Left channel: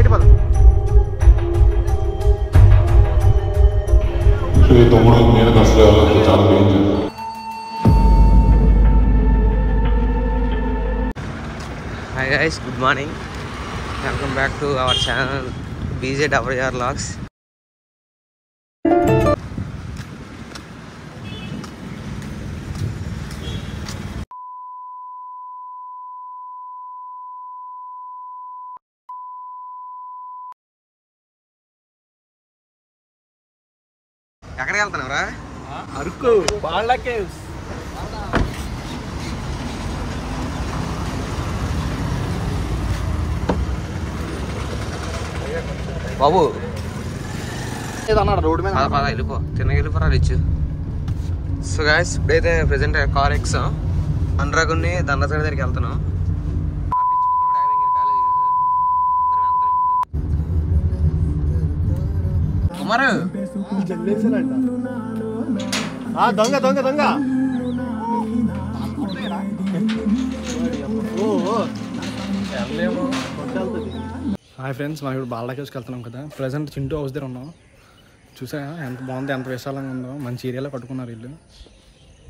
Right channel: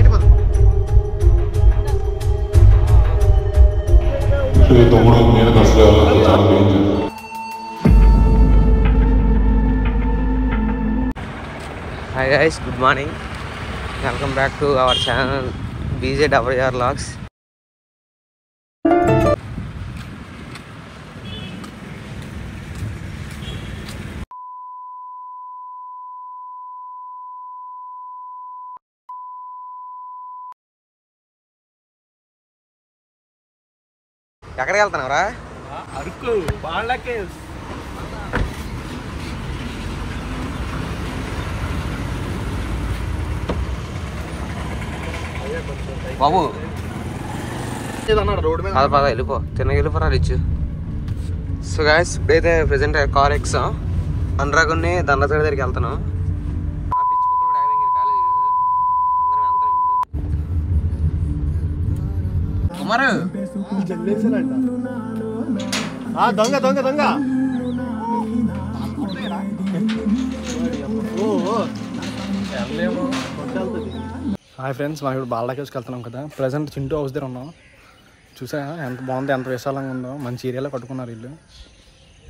Hi guys, good morning. Welcome back to our channel BJWR Vlogs. ఎక్కడికి వెళ్తున్నావురా? Araku బాళ్ళ caves. బాబు road మీద పద వెళ్ళిపో, తిన్నగా వెళ్ళిపోరా రిచ్. సో గాయస్, ఇప్పుడైతే ప్రెసెంట్ కార్ ఎక్సాం అనురాగుని దండత దగ్గరికి వెళ్తున్నాం. కుమారు దొంగ దొంగ దొంగ. హాయ్ ఫ్రెండ్స్, మనం ఇప్పుడు బాల్డా కేవ్స్కి వెళ్తున్నాం కదా. ప్రజెంట్ చింటూ హౌస్ దగ్గర ఉన్నాం. చూసా ఎంత బాగుంది, ఎంత విశాలంగా ఉందో. మంచి ఏరియాలో కట్టుకున్నారు వీళ్ళు.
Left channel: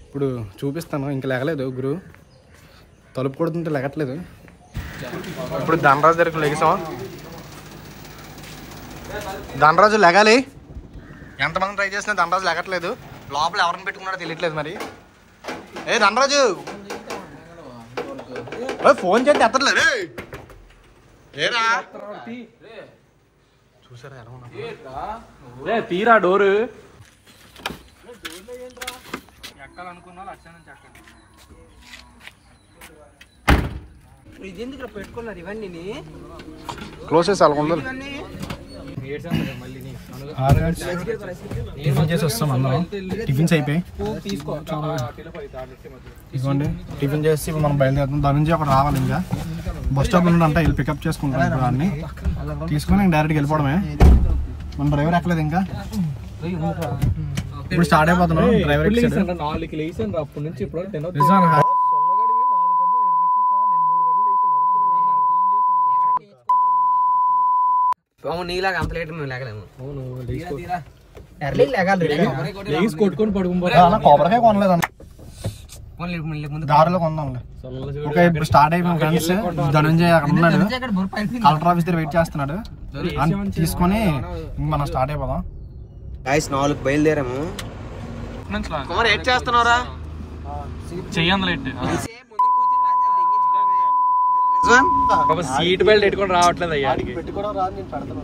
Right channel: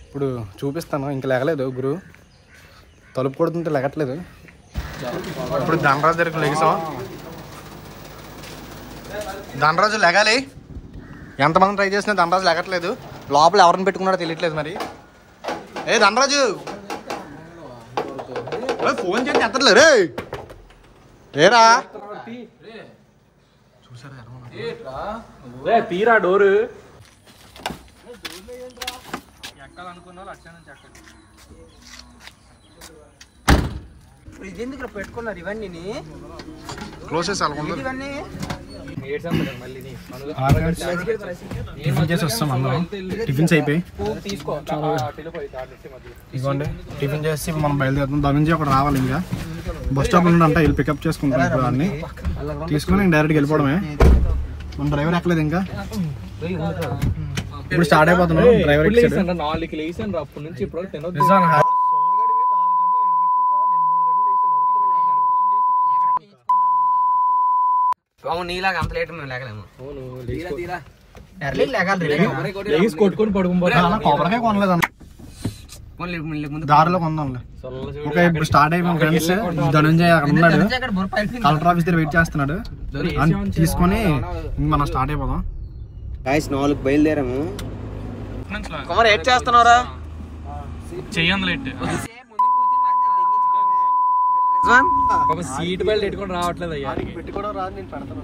ఇప్పుడు చూపిస్తాను. ఇంక లేగలేదు గురు, తలుపు కొడుతుంటే లెగట్లేదు. ఇప్పుడు ధనరాజు దగ్గరికి లెగిసాం. ధనరాజు లెగాలి. ఎంతమంది ట్రై చేసినా ధనరాజు లెగట్లేదు. లోపల ఎవరిని పెట్టుకున్నాడో తెలియట్లేదు మరి. ఏ ధనరాజు, ఫోన్ చేస్తే ఎత్తట్లేదు. ఏరా చూసారా తీరా డోరు ఎక్కాలనుకున్నా అచ్చా నుంచి ఎక్కండి. ఇది ఎందుకు పెట్టుకున్నారు ఇవన్నీ? క్లోజ్ చేసి అలాగ టిఫిన్ చేసి వస్తాం అందరం. టిఫిన్స్ అయిపోయి ఇదిగోండి. టిఫిన్ చేసి మనం బయలుదేరుతాం. దాని నుంచి అక్కడ రావాలి. ఇంకా బస్ స్టాప్ నుండి అంటే వెళ్ళి పికప్ చేసుకుంటాం. ఇప్పుడు అన్ని తీసుకుని డైరెక్ట్గా వెళ్ళిపోవడమే. మన డ్రైవర్ ఎక్కలేదు ఇంకా. ఇప్పుడు స్టార్ట్ అయిపోతున్నాం. డ్రైవర్ నీలాగా అంత లేట్ మేము లేగలేము. కొట్టుకొని కొబ్బరికాయ కొనలేదు అన్న, దారిలో కొందాంలే. ఓకే, ఇప్పుడు స్టార్ట్ అయిపోయాం ఫ్రెండ్స్. ధనంజయ్ అక్కడ ఉన్నాడు, కలెక్టర్ ఆఫీస్ దగ్గర వెయిట్ చేస్తున్నాడు. తీసుకొని మనం స్టార్ట్ అయిపోదాం. గాయ్స్ 4 బయలుదేరాము. కుమార్ ఏడ్ చేస్తున్నావురా? సీట్ బెల్ట్ పెట్టుకొని రావట్లేదు అయ్యా. పెట్టుకోవడం రాదు, నేను పెడతాను.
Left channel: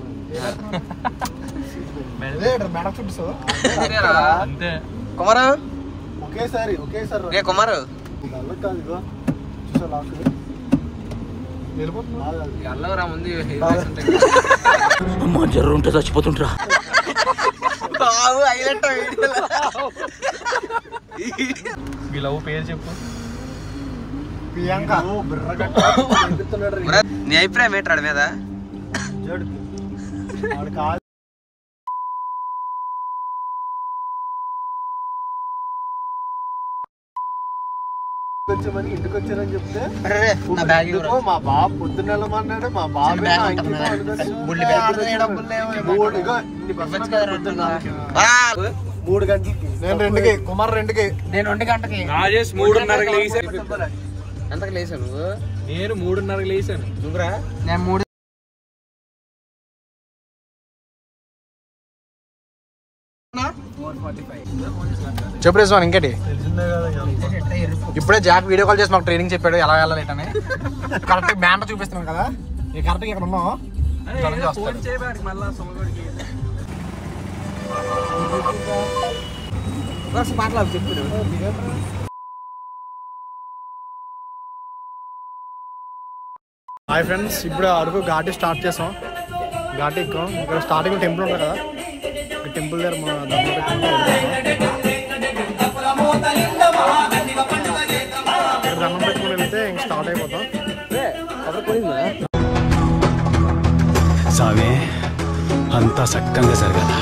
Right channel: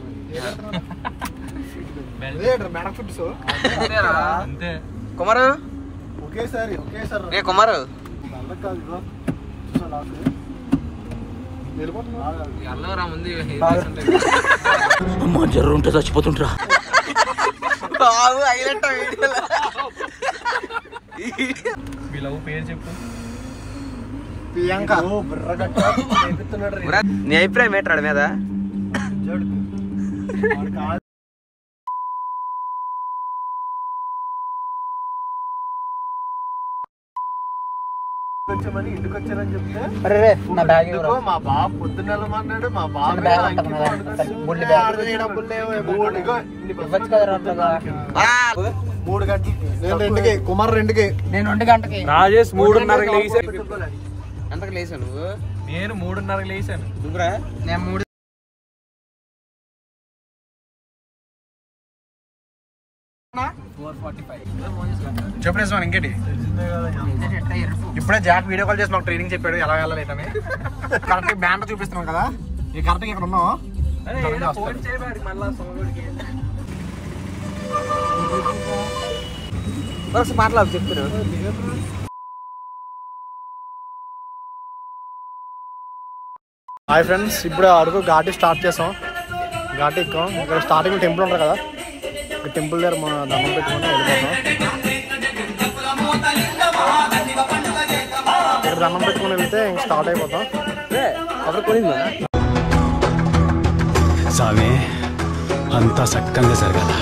కుమారు ఒకేసారి కుమారు జర్రు ఉంటే చచ్చిపోతుంటా. పేరు చెప్పు. ప్రియాంక. నీ అభిప్రాయం ఏంటాడు మీద? వచ్చామని ఇంటికి వచ్చారని చెప్తే మా బాబు పొద్దున్న వెళ్ళమన్నాడు. మా బాబు 3 గంటలకి, కుమార్ 2కి, నేను 2 గంటకి, రాజేష్ 3:30కి లేచాను. ఎంతకు లేసాను నువ్వు? నేను 3:30కి లేచాను. నువ్వురా? నేను 3. చెప్పు రేసు ఇంకేటి. ఇప్పుడే జాక్ వీడియో కాల్ చేసి మాకు ట్రైనింగ్ చెప్పాడు ఎలా వెళ్ళలేటని. కరెక్ట్ బ్యానర్ చూపిస్తున్నాం కదా, ఈ కరెక్ట్గా ఇక్కడ ఉన్నాం. వస్తాడు. మాట్లాడు చెప్తున్నాడు. హాయ్ ఫ్రెండ్స్, ఇప్పుడు అరకు ఘాటి స్టార్ట్ చేసాం. ఘాటి ఎక్కాం. ఇక్కడ స్టార్టింగ్ టెంపుల్ ఉంటుంది కదా, ఈ టెంపుల్ దగ్గర మా దండం పెట్టుకుంటే వెళ్ళిపోతాం. ఇక్కడ దండం పెట్టుకుని వెళ్తే ఇంక స్టార్ట్ అయిపోతాం. సామే అంతా సక్కంగా జరగాల.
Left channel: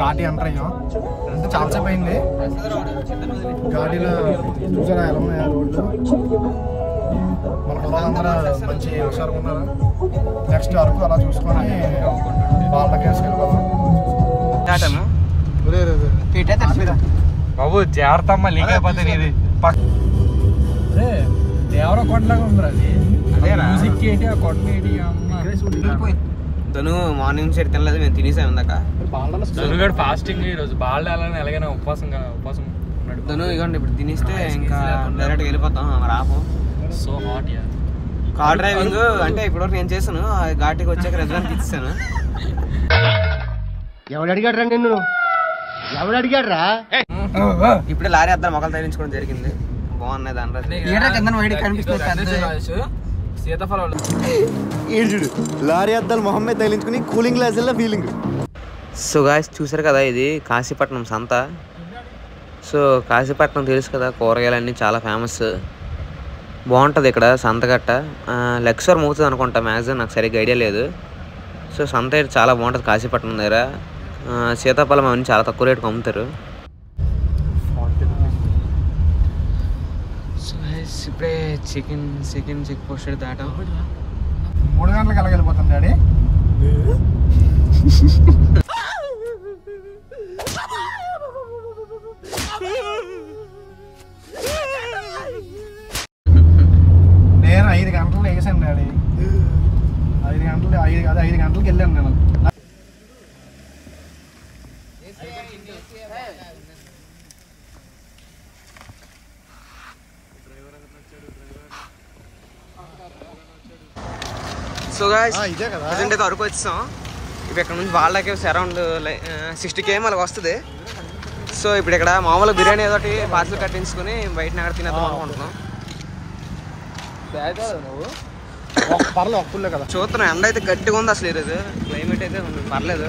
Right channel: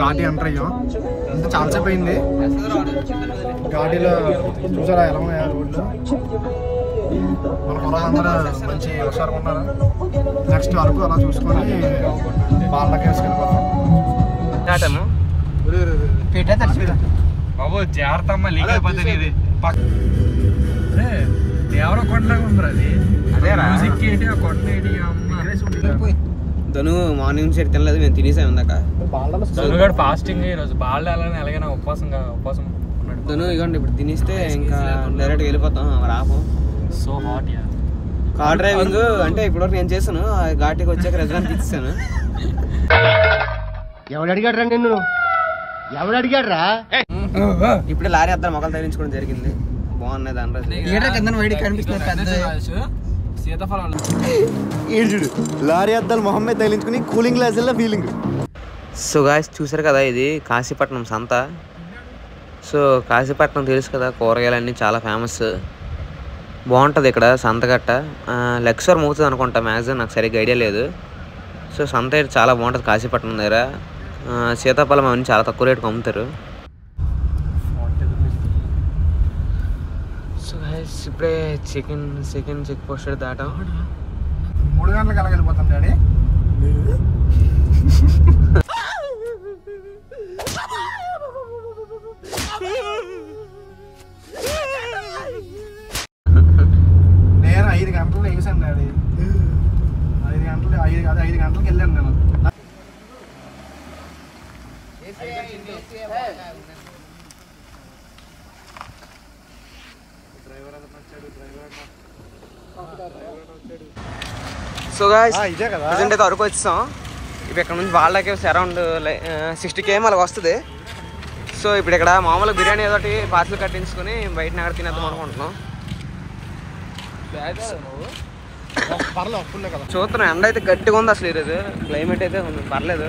ఘాటి ఎంటర్ అయ్యాం అంటే చాలాసేపు అయింది. ఘాటీలో చూసారా ఎలా ఉన్నాయి మన పొలాలందరూ మంచి హుషారుగా ఉన్నారు. నెక్స్ట్ అరకు అలా చూసుకొని వాళ్ళకి వేసుకెళ్ళిపోదాం. బాబు జాగ్రత్త అమ్మ లీక్ అయిపోతుంది. ఇది దేవర కొండలాగా ఉంది అది. మ్యూజిక్ ఏంటి ఆ కొండ ఏంటి తను మార్నింగ్ నుంచి తినలేదు, మేము తినేసాం ఇందాక. ఫాస్టింగ్ ఈరోజు బాగా ఎలాగైనా ఉపవాసం ఉన్నాడు. తను ఇవ్వండి ఇప్పుడు తినేస్తే ఇంకా డైరెక్ట్గా వెళ్ళిపోతాం. రాపం సో హాట్. కార్ డ్రైవింగ్ అంటే ఇప్పటివరకు నేను చేశాను. ఘాటికి వచ్చాక రెస్టారెంట్కి ఇచ్చాను. ఎవడు అడిగాడు రా నిన్ను? ఎవడు అడిగాడు రా? ఇప్పుడే లారీ అద్దాలు మొక్కలు తగిలించుకోవడం జరిగింది. బాగున్నాయి చూడు లారీ అద్దాలు మొహమ్మద్ తగిలించుకుని కూలింగ్ గ్లాసుల్లో ఫీలింగ్. సో గాయ్స్ చూసారు కదా, ఇది కాశీపట్నం సంత. సో కాశీపట్నం తెలుసు కదా, కూరగాయలన్నీ చాలా ఫేమస్. బాగుంటుంది ఇక్కడ సంతగట్ట. లెక్చర్ మోగుతుంది అనుకుంటా మ్యాక్సిమం, నాకు సరిగ్గా ఐడియా లేదు. సో సంత అయితే చాలా బాగుంటుంది కాశీపట్నం దగ్గర. సీతాఫలం అవన్నీ చాలా తక్కువ రేటుకి అమ్ముతారు. సో గైస్ ఇప్పుడే చికెన్ చెక్ పోస్ట్ దాటాం. 3 గంటలకు ఎలా వెళ్ళిపోతాం డాడీ? నేను 5 గంటలు వేసాను డాడీ. 5 గంటలకు వెళ్ళాను నేను. సో గాయ్స్ ప్రజెంట్ అయితే అరకు వచ్చాం. ఇప్పుడు ఇక్కడ నుంచి వాళ్ళకి అరౌండ్ 60 km అలాగ వస్తుంది. సో ఇప్పుడు ఇక్కడ మామూలుగా బిర్యానీ ఏదో ఒకటి పార్సల్ కట్టించుకొని బయట అక్కడ తినేద్దాం అనుకుంటున్నాం. చూస్తున్నాం ఎండ అయితే గట్టిగా ఉంది. అసలు ఈరోజు క్లైమేట్ అయితే పర్లేదు.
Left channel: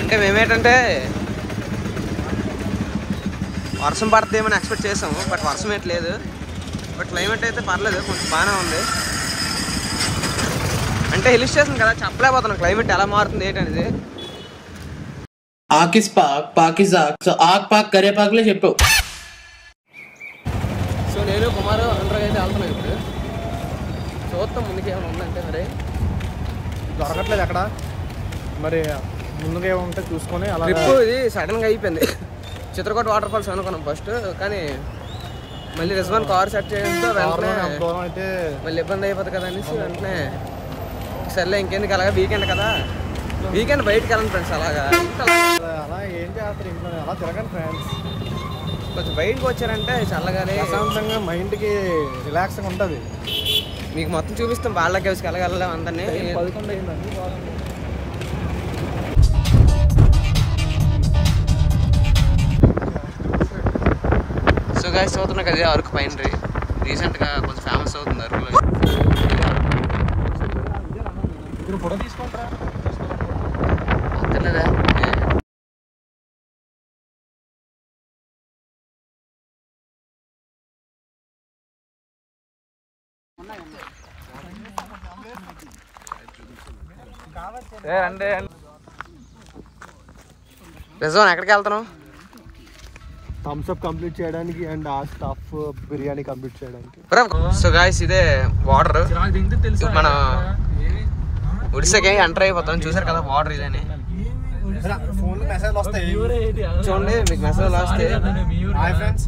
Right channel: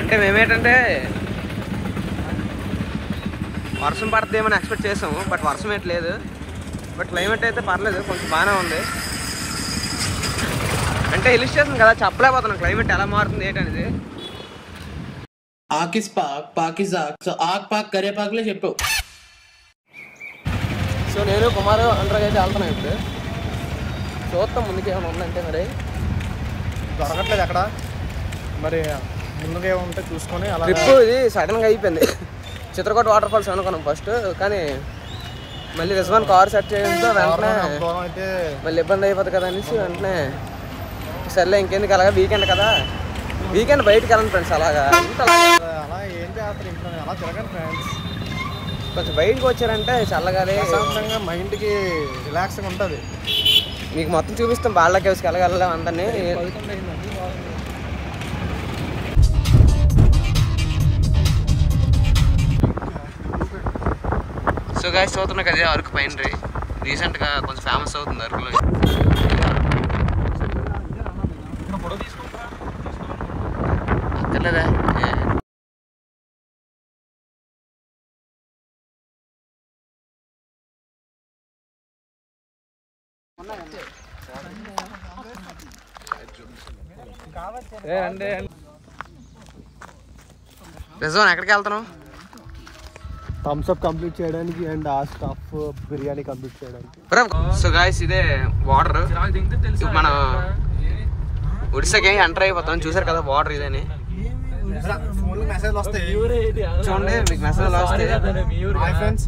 అంటే మేమేంటంటే వర్షం పడుతుందేమని ఎక్స్పెక్ట్ చేసాము, బట్ వర్షం అయితే లేదు. బట్ క్లైమేట్ అయితే పర్లేదు, కొంచెం బాగానే ఉంది. అంటే హిల్ స్టేషన్ కదా, చెప్పలేకపోతున్నాం క్లైమేట్ ఎలా మారుతుంది ఏంటనేది. ఆకిస్ పాక్ పాకిజాక్ సో ఆక్ పాక్ కరే పాక్లే చెప్పావు. సో నేను కుమారు అంటర్కి అయితే వెళ్తున్నాను. ఇప్పుడు చూస్తాం ముందుకు ఏమైనా ఉందంటే. మరి దొరకట్లేదు ఎక్కడ, మరి ముందుగా ఏముంటే చూసుకొని అలా. ట్రిప్ ఇది సడన్గా అయిపోయింది. చిత్రకోట వాటర్ ఫాల్స్ అనుకున్నాం ఫస్ట్, కానీ మళ్ళీ రిజ్వాన్ కార్ సెట్ చేయడంతో వెంటనే అయితే మళ్ళీ ఇబ్బంది అయిపోతుంది కదా అనేసి వెంటనే సర్లే ఇంకెందుకు అలాగా, వీకెండ్ కదా, వీకెండ్ బయటకు వెళ్ళండి ఫ్రెండ్స్. అలాగా అలా ఏం చేస్తారు ఇంట్లో, అలా తిరగండి ఫ్రెండ్స్. కొంచెం బయటకు వచ్చారంటే చల్లగాలి, ప్రశాంతంగా మైండ్కి రిలాక్స్గా ఉంటుంది. మీకు మొత్తం చూపిస్తాం బాళ్ళ కేవ్స్కి వెళ్ళగలం అందరినీ. సో గాయ్స్ చూస్తున్నా కదా అరకు పైన రీసెంట్గా కొంచెం ఫేమస్ అవుతుంది అరకులో. అంతేలేదా రిజ్వాన్ ఎక్కడికి వెళ్తున్నావు? థమ్స్ అప్ కంప్లీట్ చేయడానికి అండ్ ఆ స్టఫ్ బిర్యానీ కంప్లీట్ చేయడానికి. సో గాయ్స్ ఇదే బార్డర్. మన ఒడిశాకి ఎంటర్ అయిపోతాం. చూసారు కదా బార్డర్ ఇదని. ఫోన్లో మెసేజ్లు వస్తాయి చూడండి, మీకు మెసేజ్లు వస్తాయి. ఫ్రెండ్స్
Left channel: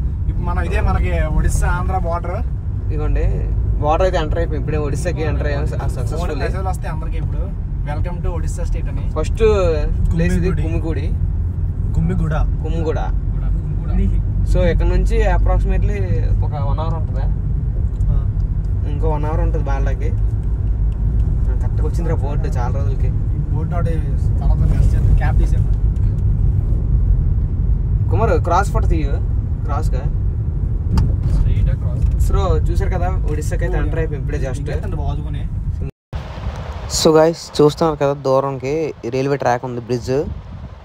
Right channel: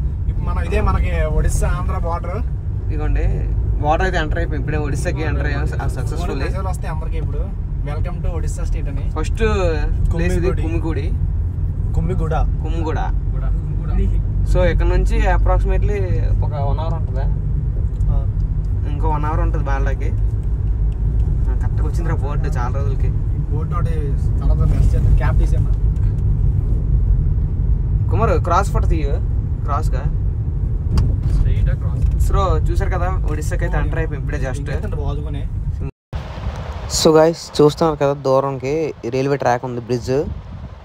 ఇదే మనకి ఒడిస్సా ఆంధ్ర బార్డర్. ఇదిగోండి బార్డర్ అయితే ఎంటర్ అయిపోయి ఇప్పుడే ఒడిశాకి ఎంటర్ అయ్యాం సక్సెస్ఫుల్. మెసేజ్లు వస్తాయి అందరికి. ఇప్పుడు వెల్కమ్ టు ఒడిస్సా స్టేట్ అని. ఫస్ట్ ప్లేస్ ఇది కుమ్మిగూడ. సో ఇక్కడ నుంచి అప్రాక్సిమేట్లీ ఒక 1 hour ఉంటుందా, ఇంకో 1 hour ఉంటుంది బాళ్ళకి. కరెక్ట్గా వచ్చిందిరా బోర్డు చాలా రోజులకి. కుమార్ క్రాస్ ఫోటో తీయు, క్రాస్గా. సో చూసారు కదా ఒడిశాకి అయితే ఎంటర్ అయిపోయి ఇప్పుడే జస్ట్. సో గైస్ చూస్తున్నారు కదా దూరంకి రైల్వే ట్రాక్ ఉంది, బ్రిడ్జ్.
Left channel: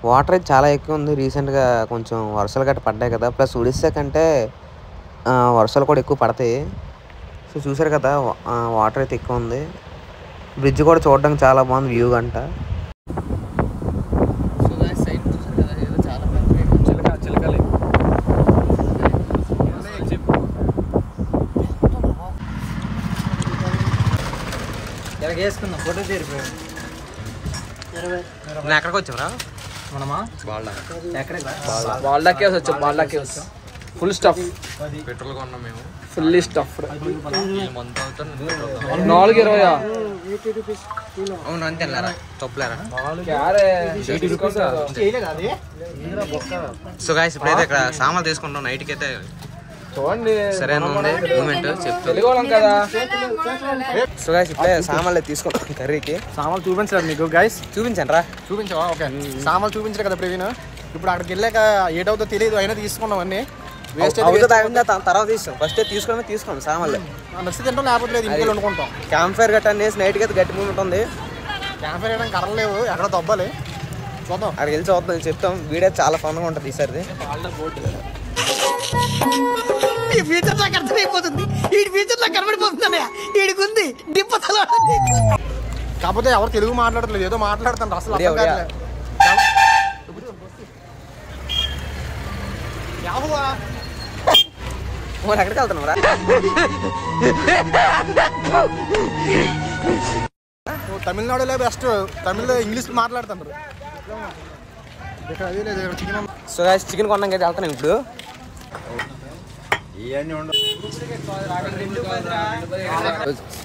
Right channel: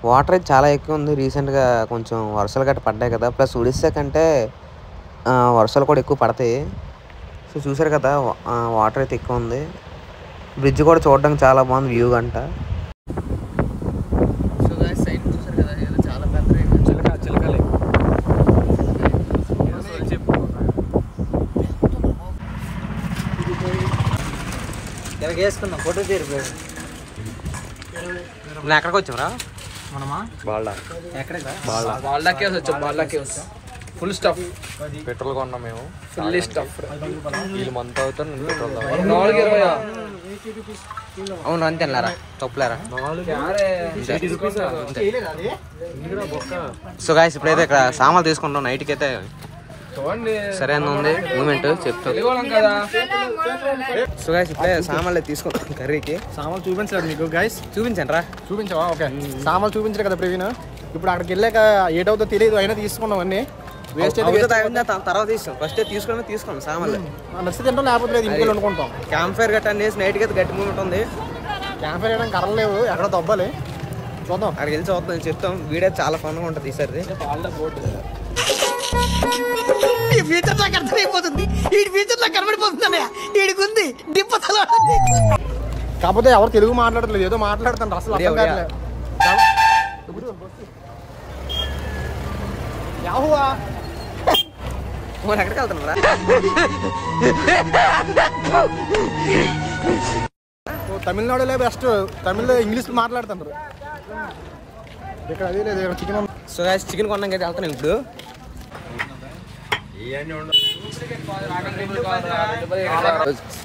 వాటర్ అయితే చాలా ఎక్కువ ఉంది. రీసెంట్గా కొంచెం వర్షాలు గట్రా పడ్డాయి కదా, ప్లస్ ఒడిశా కంటే వర్షాలు కూడా ఎక్కువ పడతాయి. సో చూసారు కదా వాటర్ అయితే ఎక్కువ ఉంది. బ్రిడ్జ్ కూడా చూడడానికి చాలా బాగుంది వ్యూ అంట. వేసుకుందాం ఫోటో తీరిపోయాడు. నేను ఎక్కడికి వచ్చావురా? మనమా బాల్డా. ఎక్కడికి బాల్డా కేవ్స్ వచ్చాం. Balda caves full stuff. Petrol కొన్నాం మేము. Full stuff. మంత్ అవుతుంది. 4.20. అవును అంతే అన్నారా? తప్పులేరా? సో గాయ్స్ ఇప్పుడైతే ఇక్కడ సామాన్లు తీసుకుంటాం నైట్కి అయితే. చూడండి సరైన ఉంది మూమెంట్ చెప్తాను. సో గాయ్స్ ఇప్పుడే సామాన్లు తీసుకుంటాం కర్రీకి. సామాన్లు చూపించలేదు మీకు గైస్? చూపించండి రా. చూపించావా? ఓకే. సామాన్లు చూపించారు కదా ప్రవీణ్. ఇప్పుడు అక్కడికి వెళ్ళాక ఏటవుతో తెలియదు, అయినా తీసుకున్నాం అన్ని. వేస్ట్ తర్వాత తీస్తాం. ఫస్ట్ తీసుకోండి సామాన్లు. నచ్చి తింటాం, లేకపోతే లేదు ఇంట్లో వండుకుంటాం. క్యాంప్ ఫైర్ గట్ట అనేసి నైట్కి అయితే గట్టి మూమెంట్ ఉంది. క్యాంప్ ఫైర్ వేయడానికి కర్రలు లేవు, ఎక్కడ దొబ్బాలి. చూద్దాం, అక్కడికి వెళ్ళి చూద్దాం, చెప్తాం. వీడియో చాలా ఫన్గా ఉంటుంది ఈసారి. ఈ ఫ్యూచర్ నాకు అర్థమైపోతుంది. ఈ ఫ్యూచర్ నాకు కనబడిపోతుందన్నయ్య. ఈడికుంది దిప్పతలో. కాకపోతే ఎవరు తెలుగు మాట్లాడట్లేదు, ఏదో మాట్లాడుతాను అసలు అర్థం కావట్లేదు. యాహువా ఎక్కడికి వెళ్తున్నావురా? తమిళనాడులో బెస్ట్. తమిళ్లో ఇంగ్లీష్ మాట్లాడుతున్నారు. ఇక్కడ అదే లేదు, ఇక్కడ చికెన్. సో గాయ్స్ చికెన్ కొన్నాక అయితే వెళ్తాను ఇప్పుడు.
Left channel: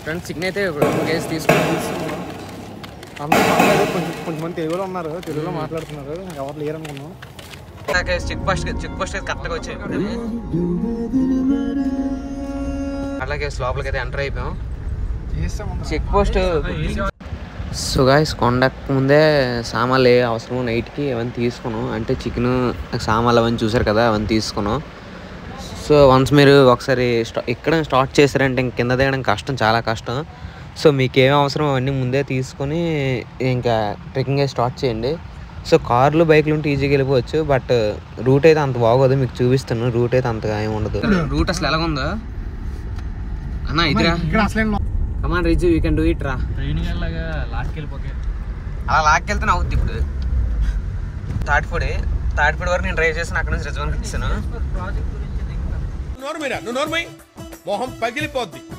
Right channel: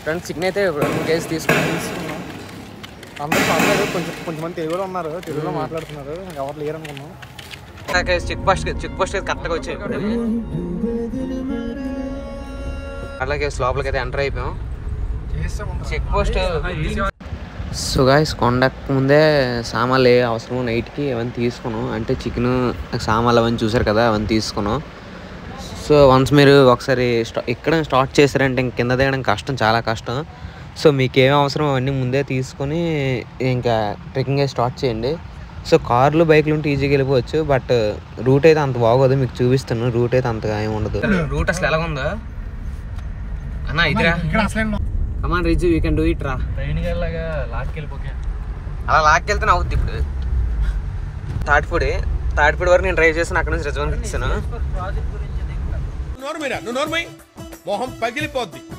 ఫ్రెండ్స్ చికెన్ అయితే 2 కేజీ తీసుకున్నాం. అందరూ పర్లేదు, కొంచెం మంది తెలుగులో ఉన్నారు, తెలుగులో మాట్లాడుతున్నారు. ఎవరు లేరు అనుకున్నాం. చెక్ పోస్ట్ కరెక్ట్గా వచ్చాయి. అట్లాగే లోపలికి అయితే ఎంటర్ అయిపోయాం. Check post. సో గాయ్స్ కొండకు ముందే సామాన్లు ఏ అవసరం నైట్కి అవన్నీ తీసుకున్నాం. అంటే చికెన్ సామాన్లు అవన్నీ చూసారు కదా, అవన్నీ తీసుకున్నాం. సో వన్స్ మీరు ఒకసారి ఇక్కడ స్టార్ట్ చేశారంటే ఇంక కింద దిగడం కష్టం, చాలా కష్టం. సో మీకు ఏమేమి అవసరం అవన్నీ ముందే తీసుకొని ఇంకా ట్రెక్కింగ్ స్టార్ట్ చేయండి. సో కార్లు బైక్లు ఉంటే ఈజీగా వెళ్ళిపోవచ్చు, బట్ రూట్ అయితే అంత బాగోదు. మీకు చూపిస్తాను, రూట్ అయితే అంతగా ఏమి ఉండదు. రూట్ అసలు ఎలాగుందో అన్నా ఇదిరా. కమాన్ రిజు, యూ కెన్ డూ ఇట్ రా. అలా లాక్కెళ్తే అవుద్ది. ఇప్పుడు తాటిపూడి వరకు నేను డ్రైవ్ చేసాను, అక్కడ నుంచి రిజర్వ్ ఇచ్చాను.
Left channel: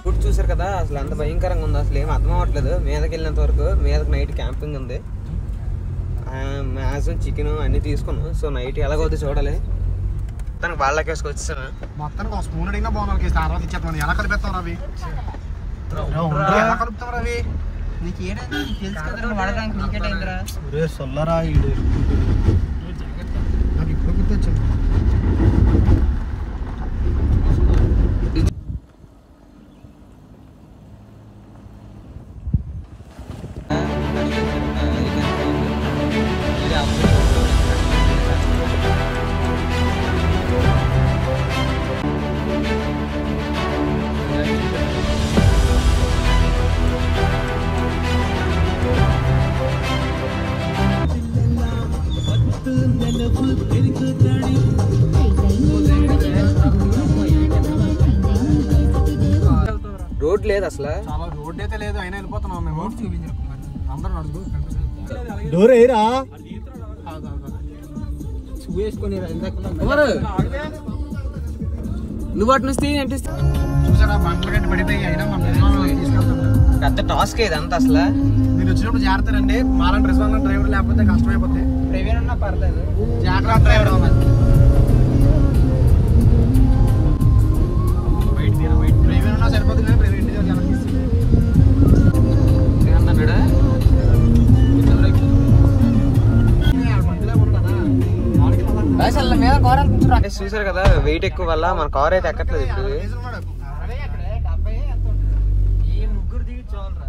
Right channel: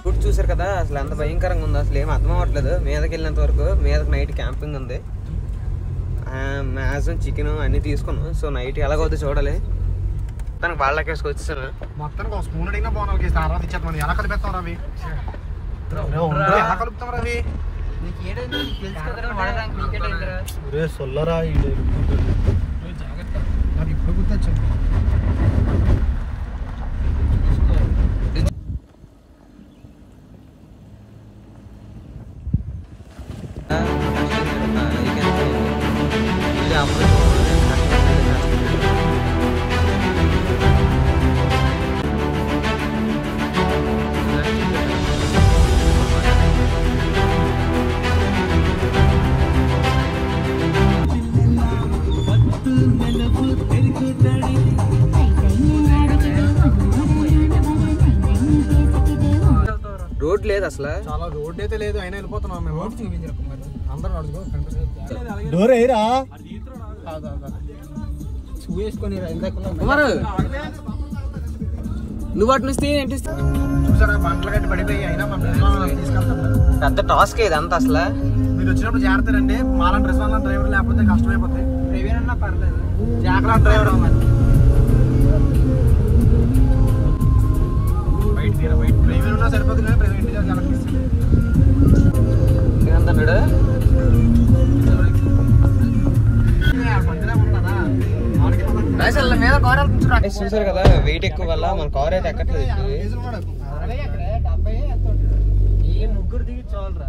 ఫుడ్ చూసారు కదా, అసలు ఎంత భయంకరంగా ఉంది, అసలు ఏం అర్థం అవ్వట్లేదు. మీదకి వెళ్ళినంత వరకు మీదకి నైట్ క్యాంపింగ్ ఉంది. మ్యాక్సిమం చికెన్ అన్ని తీసుకున్నాం. సో నైట్ ఎలాగవుతుంది చూడాలి. తనకు వాళ్ళకి వచ్చేసాను. మొత్తానికి ఒక స్పూన్ అడిగినా బాగున్నావు. తర్వాత ఇచ్చేస్తాను. ఎలా కలిపేస్తాం రవి? ఎలా కలుపుతాం రవి? నీకు ఏడైతే నీకు తెలుసు కదా, వాడడానికి క్రికెట్ అయిందిరా. సొల్లరా నాకు ఇప్పుడు గుర్తొచ్చింది. రోడ్ లేదు అసలు. చాలా రోడ్ అయితే లేదు, అయినా వెళ్ళిపోతున్నాం మేము. అందరూ అడుగు డోర్ ఏరా వేసుకొని నువ్వు అటు నుంచి చూసారా, బండ్ల గట్టి పడిపోయి. అయినా మనం తీసుకెళ్తాం. పెద్ద టాస్క్ ఇదంతా అసలు. మీరు వచ్చినప్పుడు జాగ్రత్త రండి. మాలాంటి రిజర్వ్ డ్రైవర్ లేకపోతే కష్టమైపోతాయి. ప్రవీణ్ ఉన్నా పర్లేదు, జాగ్రత్త డ్రైవర్. బయట ప్రవీణ్ ఉన్నా సరిపోతుంది. ప్రవీణ్ చూసారు కదా, వెయిట్ ఎక్కువ వల్ల మన కార్ అయితే ఎక్కట్లేదు ఇప్పుడు. ఈ ముగ్గురు దిగి చాలరా.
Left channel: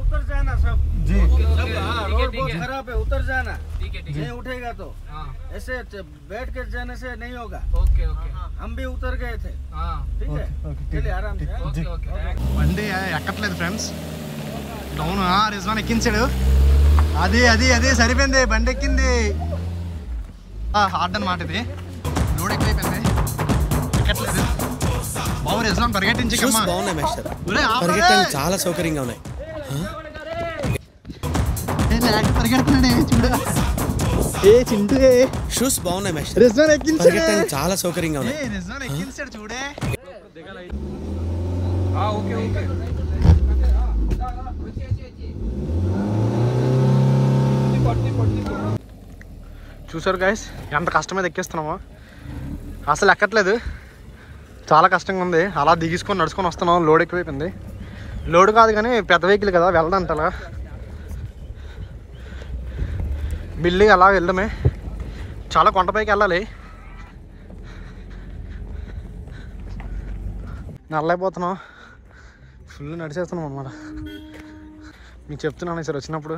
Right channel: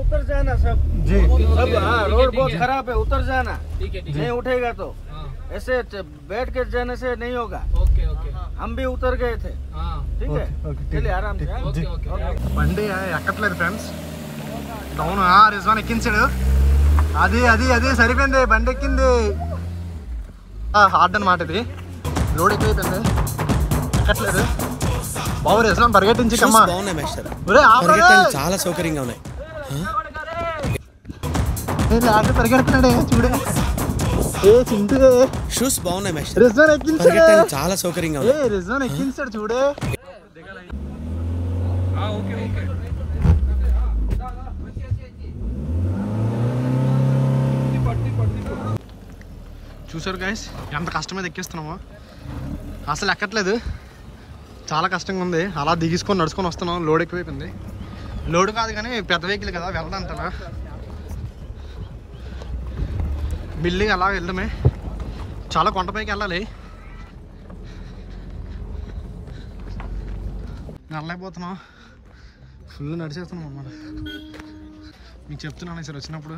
उतर जाना सब जी। सब रोड बहुत खराब है, उतर जाना। नहीं उठेगा तो ऐसे बैठ के जाने से नहीं होगा। हम भी उतर गए थे, ठीक है। चलिए आराम से। బండి ఎక్కట్లేదు ఫ్రెండ్స్. డౌన్ రిజ్వాన్ ఎక్కించాడు. అది అది అది సరిపోయింది, బండి ఎక్కింది. హార్డ్ అన్నమాట ఇది. లోడ్ ఎక్కువైపోయింది, ఎక్కట్లేదు. బాబు రెస్టారెంట్ పరిగెట్టించి బాగున్నాయి మాస్టర్, పరిగెట్టడానికి చాలా సౌకర్యంగా ఉన్నాయి. పరిగెడుతున్నాడే చూడు. ఏ చింటూ షూస్ బాగున్నాయి మాస్టర్, రెస్టారెంట్ ఎక్కించాడు. పరిగెట్టడానికి చాలా సౌకర్యంగా ఉన్నాయి. రెస్టారెంట్ ఎక్కించాడు చూడే. చూసారు గైస్ ఎంత కష్టం మీద ఎక్కిస్తున్నామో, అసలు ఎక్కట్లేదు, చాలా కష్టంగా ఉంది. అలా దిగించుకొని నడుచుకొని వస్తున్నాం. లోడ్ ఎక్కువైపోయింది. లోడ్ కాదు కానీ పెద్ద వెహికల్ కదా వెళ్ళడానికి, అలా బిల్లి అలా వెళ్ళడమే. చాలా కొండపైకి వెళ్ళాలి. నడలేకపోతున్నాం, ఫుల్ నడిచేస్తున్నాం అన్నమాట. మీకు చెప్తున్నాను సార్, వచ్చినప్పుడు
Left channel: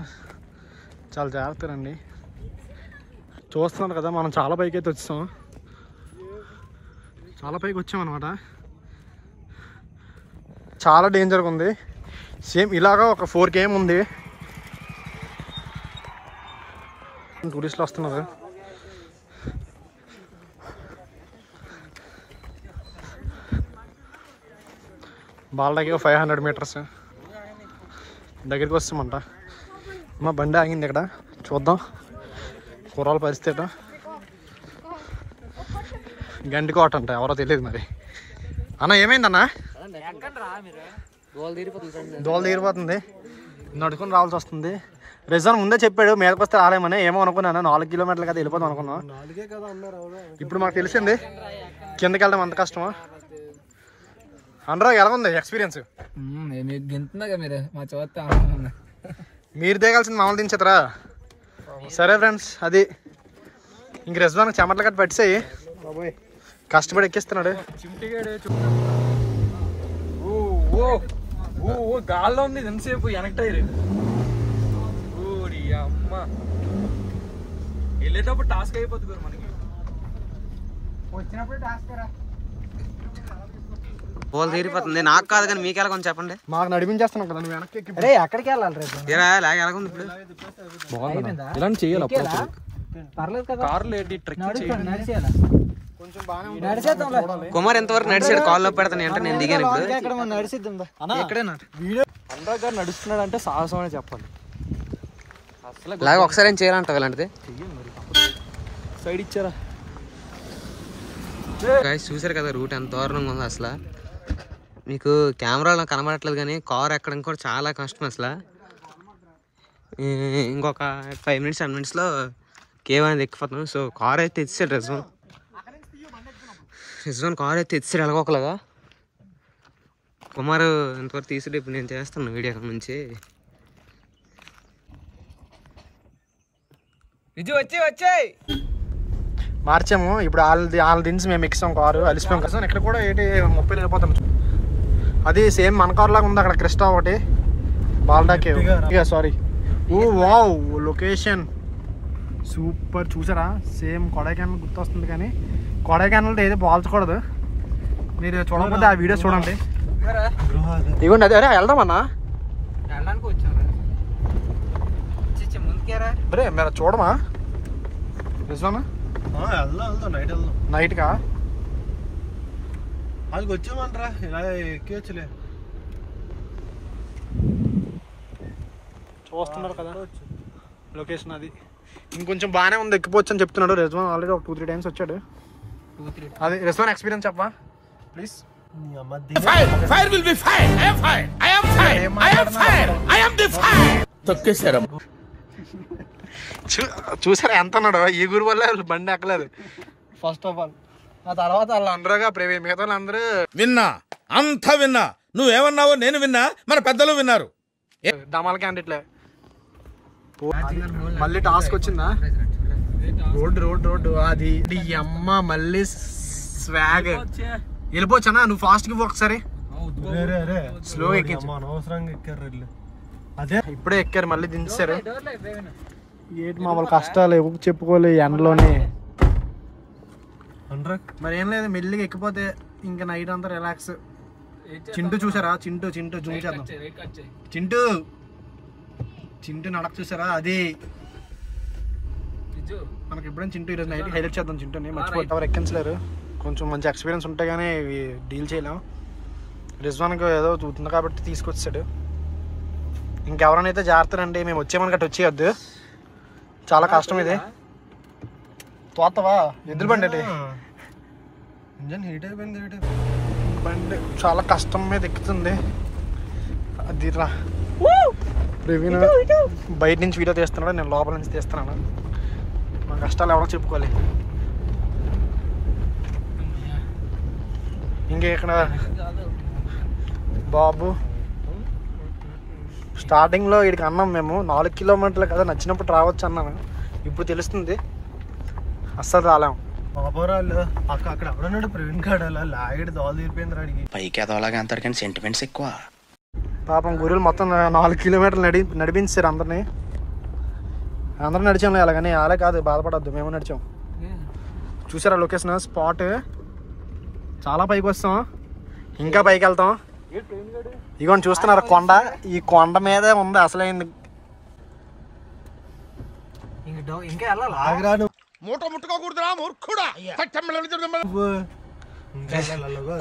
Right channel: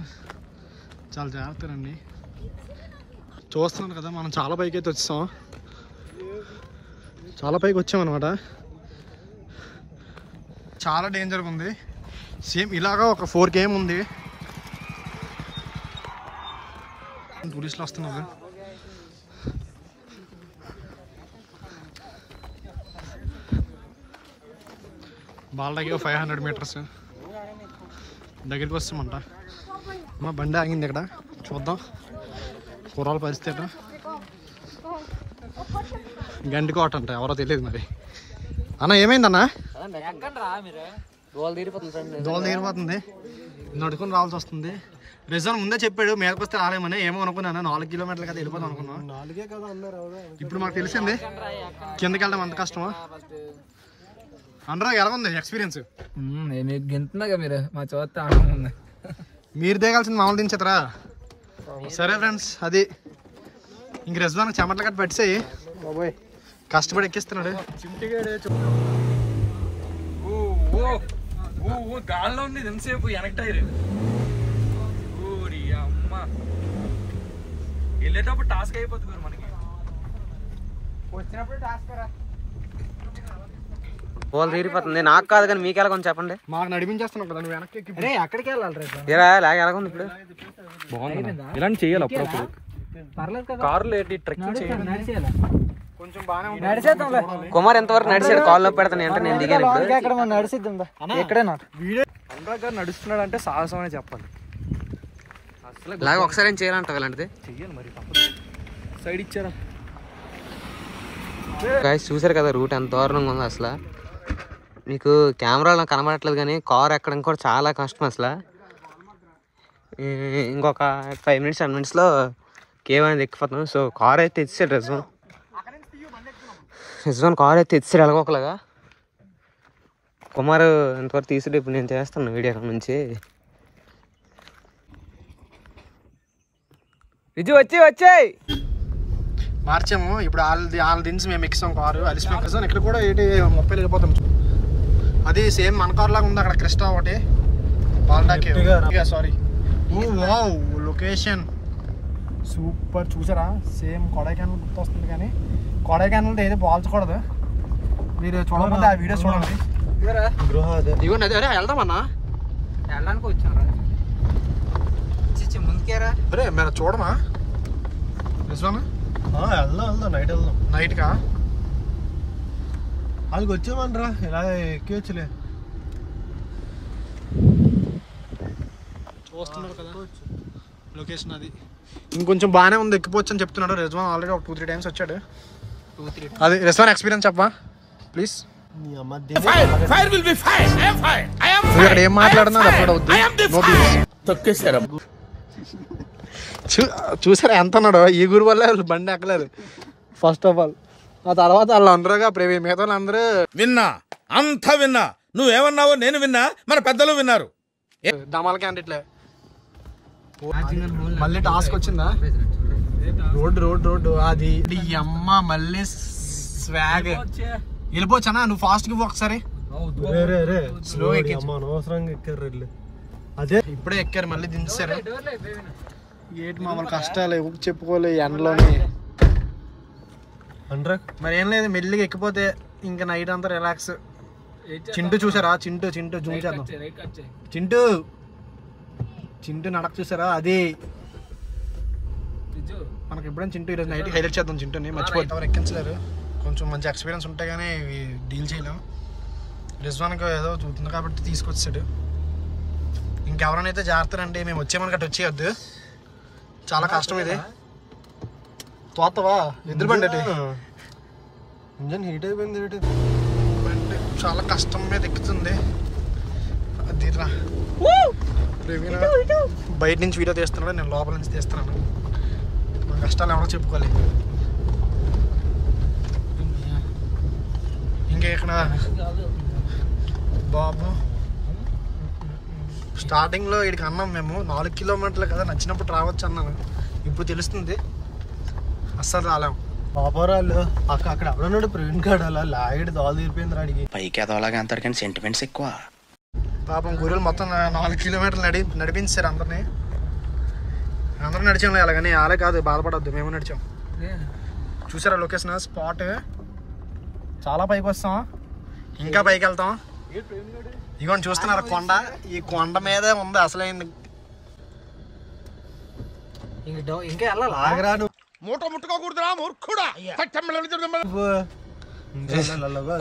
చాలా జాగ్రత్తగా రండి. చూస్తున్నాను కదా మనం చాలా పైకి అయితే వచ్చాం, చాలా పైకి వచ్చామన్నమాట. చాలా డేంజర్గా ఉంది. సేమ్ ఇలాగా ఒక 4 km ఉంది. టూరిస్టులు వస్తున్నారు. బాలకి 500 meters దగ్గరికి వస్తామంట. మా బండి ఆగింది ఇక్కడ, చూద్దాం కుర్రాల పరిస్థితి. గంటి కోట అంట, ఎవరో తెలియదు మరి. అన్న ఏమైందన్నా? దోల తీరిపోతుంది, నడుచుకొని రావాల్సి వస్తుంది. రిజర్వ్ ముందే చెప్పాడు మీదకి వస్తే రాలేమని. ఏమో అనుకున్నాను, 4 kilometers కదా వెళ్ళిపోతాం అనుకున్నాం. ఇప్పుడు మాకు తెలిసింది కిందకి వెళ్ళడం అంత కష్టమా. అనురాగ్ ఎలా ఉంది ఎక్స్పీరియన్స్? మీరు దిగాల్సింది మామూలు దించేతరా. సరే ఫ్రెండ్స్, అది ఇంక రెస్టారెంట్ చెమటలు కట్టి పట్టిసాయి, కష్టపడి ఎక్కిస్తున్నాడు. గాల్లో ఉంది ఎంతసేపు వెనక్కి అమ్మ. వెళ్ళేటప్పుడు టాస్క్ అయిపోతుంది మనకి, వచ్చినప్పుడు టాస్క్ రా. పోలు తీరిపోతుంది. నాకు కాదు కానీ మీకు ఎలా కొంచెం చెప్పండి. మాకు నడిపించేస్తున్నాం కదా వెనక్కి. ఎక్కడికి వెళ్ళాలి రేపు? లాగ ఎలాగుంది ఇప్పుడు? బాగుంది, ఇలాంటి చెయ్యాలి అప్పుడప్పుడు. కుమార్ ఎంతవరకు నడిచాడు? కాల్లో పెడతాను అంటే నేను దిగాను. ఇప్పుడు నడుస్తున్నాడు అంటే సాహసం అనే చెప్పాలి. లాగా ఒకసారి ఏం చేయాలంటావు ఇలాంటిది? చెయ్యాలి మరి, సైడ్ ఇచ్చారా. గాయ్స్ చూసారు కదా రూట్ ఎంత దారుణంగా ఉంది. అసలు మీకు కెమెరాలో కనబడట్లేదు కానీ కార్ ఎక్కడం కూడా చాలా కష్టం. అసలు ఇంకొక 5 minutes 10 minutesలో కేవ్ అనేది ఎక్కిపోతాం. సో కార్ అయితే ఎత్తిసాడు రిజ్వాన్ కార్ అయితే ఎత్తిసాడు ఎలాగోకలాగా. కుమార్ ఎంతవరకు తీసాడు. ఇప్పుడు నేను చేస్తాను వీడియో అక్కడ నుంచి. విజు వచ్చాయి మార్చాము. ఇప్పుడు వాళ్ళ దించి మేము ఎక్కిస్తాం కారు, అలిసిపోయాం కదా. ఇక్కడ కూడా 30 వెళ్ళిపోతాం. అది సేమ్ మన కార్ లాగా ఉంది. అక్కడ క్రిస్టా ఒకటి, బాల్డాకే. సారీ, ఓ వావ్ లొకేషన్ సూపర్. చూసారా సేమ్ కొడైకెనాల్ గుర్తొస్తుంది కానీ కొడైకెనాల్ ఏదో పోల్చకూడదు. మీరు చూడకపోతే ఆ వీడియోస్ చూడండి. ఇవ్వండి అదే. అరే వెళ్దామన్నా, అరే మీరు చూడమా రిజ్వానా? నైట్ కా వాళ్ళకి వచ్చామనరా, ఇలా ఎక్కివచ్చులే. చూస్తున్నారు కదా లొకేషన్. అది ఇంకొంచెం బాగానే ఉంది, ఎక్కిపోవచ్చు అని చెప్తున్నాడు రిజ్వాన్. ఆల్రెడీ ఒక 2-3 times వచ్చాడు. అది రిజ్వాన్ ఎక్స్పీరియన్స్ చెప్పా ప్లీజ్. ఏం మాట్లాడుతున్నా చూసారా ఎంత అన్నాడు. ఈ గురి వల్ల బండి ఎక్కలేదు ఫస్ట్ ఆఫ్ ఆల్. ఆ తర్వాత వాళ్ళు అందరుగా మిగతా అందరూ విన్నా, అంతా విన్నా. నువ్వేమన్నావో నేను విన్నా, మన పెద్దలు విన్నారు. దమాల క్యాండిడేట్లే. మళ్ళీ టాస్క్ వచ్చిందా? రోడ్డు అది అమ్మ. మళ్ళీ స్వాగ్ వెళ్ళిపోవచ్చనా? నువ్వు ఫాస్ట్ గా ఒకసారి స్లో అనవసరంగా ఎక్కారు. అదే ఇప్పుడే ఎక్కారు, మళ్ళీ దించారు. ఏంటి మామూలు కష్టాలు చెప్పుకోలే ఎండలోనే. మరి ఏం లేదు, మెల్లిగా ఎక్కిపోతే ఇంకా నైట్ అంతా రిలాక్స్. చింటూ చూసారా? చింటూ జూమ్ చేద్దాం. చింటూ నడక చూసారా? అది మనకి ఎప్పుడైనా చింటూ ఈరోజు నైట్ హైలైట్ చేద్దాం. చింటూని మర్చిపోతే ఎవరు ఎక్కించలేరు. కొంచెం మంచి ఎక్స్పీరియన్స్ ఉంటే కానీ డీల్ చేయలేం. రిజ్వాన్కి ఏదో చూస్తుంది కాబట్టి తీసుకొచ్చాడు. ఇంకెవరైనా జాగ్రత్తనండి, మేము వచ్చేమని గట్టి వచ్చేయద్దు, చాలా కష్టం ఇది. తోతవా ఎద్దుల బండి అంటే ఇంజన్ హీట్ అయిపోయింది. బండి చాలా కష్టం మీద ఎక్కుతుంది. అది రా ప్రవీణ్ బయట నుంచి వీడియో తీస్తున్నాడు, నేను లోపల నుంచి తీస్తున్నాను. మా కష్టాలు ఎవరో చెప్పుకోవాలి. ఇంకా ఇక్కడ బాబు స్టార్టింగ్లో వీడికి అన్నాం మేము 4 కిలోమీటర్లు కదా, నచ్చినప్పుడు రావచ్చు అన్నాను. ఇప్పుడు తెలుస్తుంది అస్సలు రాలేము. పాపరాళ్ళు అక్కడ ఎవడున్నాడు ప్రవీణ్ గాడు, అలా లాగడి దోలు తీరిపోయింది రాడికి. పైకి ఎదవలాగా అంటారు కానీ సెంటిమెంట్స్ ఎక్కువ. పాపం గొర్రెలు మొత్తం 4 కిలోమీటర్లు నడిపించారు అందరినీ. అందరూ నడిచాం అలాగని, అలా కాదు బాధపడద్దు, మేము నడిచాం. చూసారా లొకేషన్ స్పాట్, చాలా పైకి వస్తాం, ఇంకా పైకి వెళ్తాం. ఇగోని చూస్తున్నారు కొండ, ఈ కొండ మీదే ఉంది అసలైంది. ఇంకా వెళ్ళాలా? ఆగరా నువ్వు. మూట ముట్టుకోకూడదురా మూర్ఖుడా.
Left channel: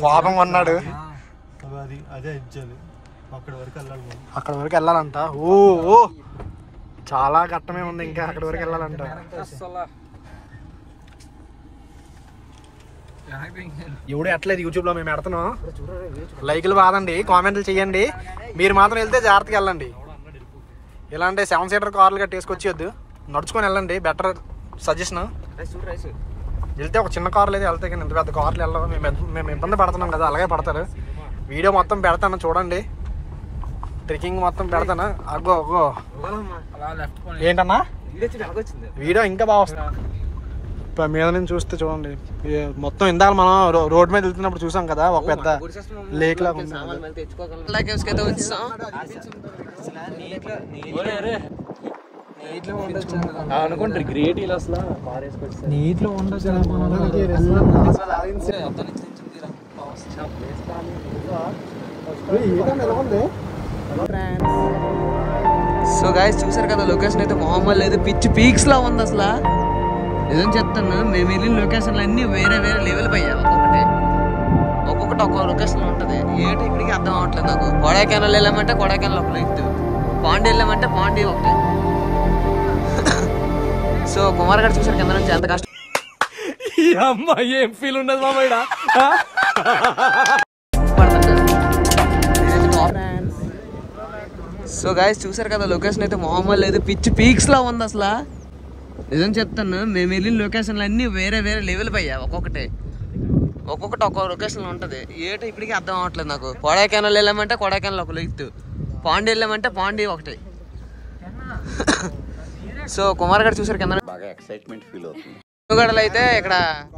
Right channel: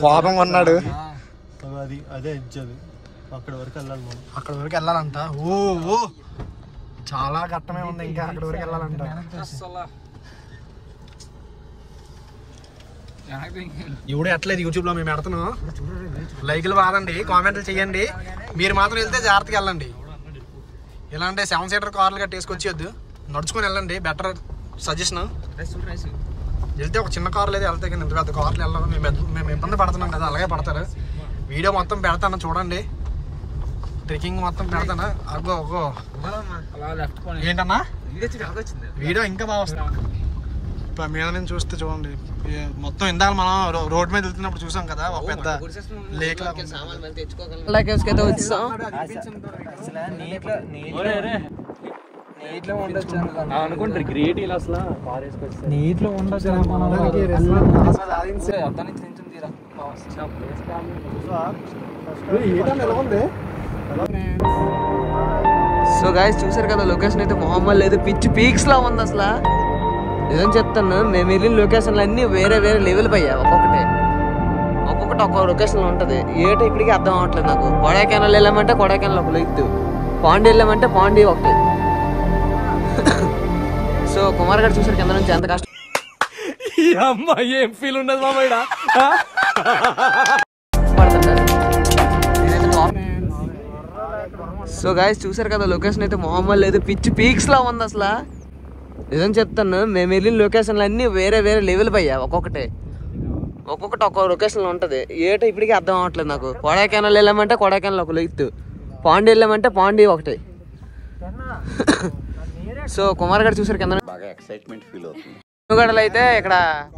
కోపం కొన్నాడు, అది అదే ఇచ్చాను. అక్కడ వరకు వెళ్ళాలి మనం. అక్కడ వరకు వెళ్ళాలంట. ఓ చాలా ఘట్టమే ఉంది, ఇంకా అక్కడ వరకు వెళ్ళాలంట. ఎవడు ఎట్లేదు యూట్యూబ్లో మేము పెడుతున్నాం. లైకులు వాదండి, కామెంట్లు చేయండి. మీరు మాత్రం వెళ్తే జాగ్రత్తగా వెళ్ళండి. ఇలాంటి 7 సీటర్ కార్లు గట్టి వేసుకొచ్చేయద్దు, నడుచుకొని వెళ్ళండి, బెటర్ సజెషన్. వెళ్తే ఒక చిన్న కార్లు అయితే వెళ్తే కానీ ఇంత పెద్ద కార్లు వెళ్ళాలి. మేము ఇబ్బంది పడుతున్నాం కదా, అలాగే పడతారు. వీడియో మొత్తం పెడతాను చూడండి, ట్రెక్కింగ్ మొత్తం పెడతాను. అగ్గో ఏంటన్నా వీడియో ఇంకా బాగా వస్తుంది. మీద నుంచి చూస్తే చూడండి మొత్తం. ఇందాక మనం రోడ్ మీద వెళ్తున్నప్పుడు చూసాం కదా, ఒక పెద్ద లేక్ లాగా ఉంది. అనుకుంటారు గ్రేట్ ఇలా అసలు నీటిలో ఉండదు. సో గాయస్ చూసారు కదా, లొకేషన్ అయితే మామూలు లేదు, పిచ్ పీక్స్ లా ఉంది అసలు. నిజం చెప్తాను, మేము వెళ్ళిన లొకేషన్లు అన్నీ వేరే వేరే లెవెల్ పోయా. ఒక్కొక్కటి ఒక్కొక్క లొకేషన్ ఉంటుంది. ఏటో ఇప్పటికీ అర్థం అవ్వట్లేదు నాకు. కొడైకెనాల్ వెళ్ళామంటే కొడైకెనాల్ ఒక లెక్తు, పాండి వెళ్ళామంటే పాండి ఒకటి. సో కుమార్ గారు చూసారు కింద నుంచి ఎంత కష్టం. ఏం ఫీల్ ఉండదు మామయ్య. సో గాయస్ చూసారు కదా, లొకేషన్ అయితే మామూలు లేదు, పిచ్ పీక్స్ లా ఉంది అసలు. నిజం చెప్తాను, మేము వెళ్ళిన లొకేషన్లు అన్నీ వేరే వేరే లెవెల్ పోయా. ఒక్కొక్కటి ఒక్కొక్క లొకేషన్లో ఉంటుంది. ఏటో ఇప్పటికీ అర్థం అవ్వట్లేదు నాకు. కొడైకెనాల్ వెళ్ళామంటే కొడైకెనాల్ ఒక లెక్తు, పాండి వెళ్ళామంటే పాండి ఒకటి. సో కుమార్ గారు చూసారు కింద బాగా ఎక్సైట్మెంట్ ఫీల్ అవుతుంది. గడలు అయితే ఇక్కడ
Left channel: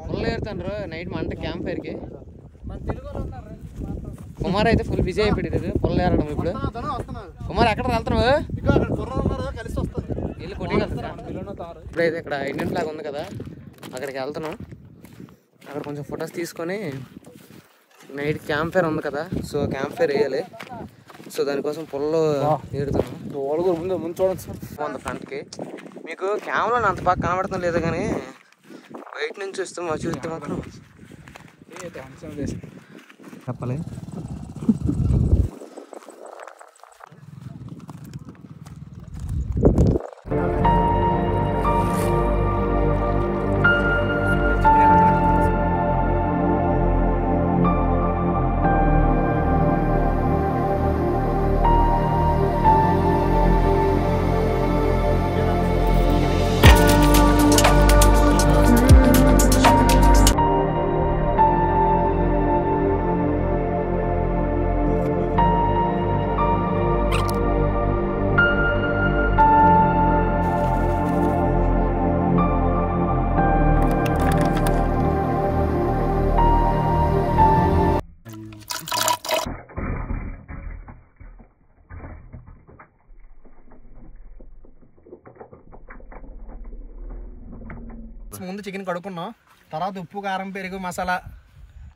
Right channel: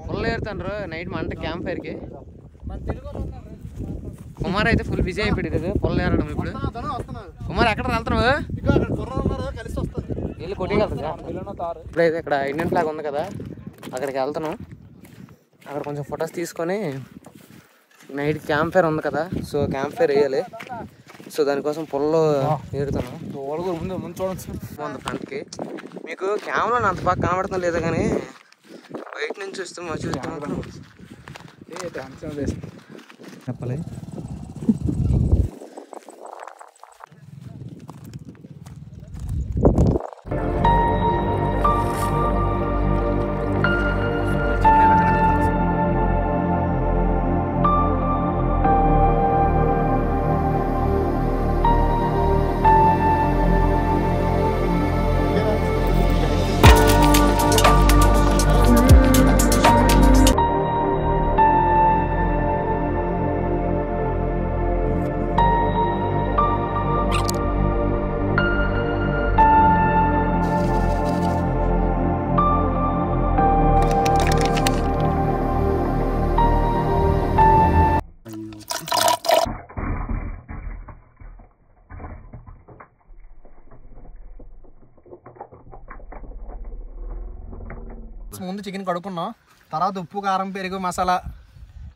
పుల్ల ఏరుతాండ్రు నైట్ మంట క్యాంప్ ఫైర్కి. కుమార్ అయితే ఫుల్ బిజీ అయిపోయాడు పుల్ల ఏరడం. ఇప్పుడు కుమార్ ఎక్కడ వెళ్తున్నావు? వెళ్ళి కొట్టేయగలుగుతా. ఇప్పుడైతే ఇక్కడ ఇండియన్ ఫ్లాగ్ ఉంది కదా, అక్కడికి వెళ్తున్నాం. అక్కడ కొంచెం ఫొటోస్ తీసుకొని నైట్ క్యాంప్ ఫైర్ ఉంది కదా, సో క్యాంప్ ఫైర్ వేయాలి. సో దానికోసం పొల్లో ఏడుతాను. బాగుంది ఫ్రంట్కి. మీకు కెమెరాలో అంత బాగా కనబడతాం లేదు, కానీ బయట నుంచి చూస్తే మాత్రం చెప్పాలి. ముందు చికెన్ కడుక్కున్నాం, తర్వాత ఉప్పు కారం పెరుగు మసాలా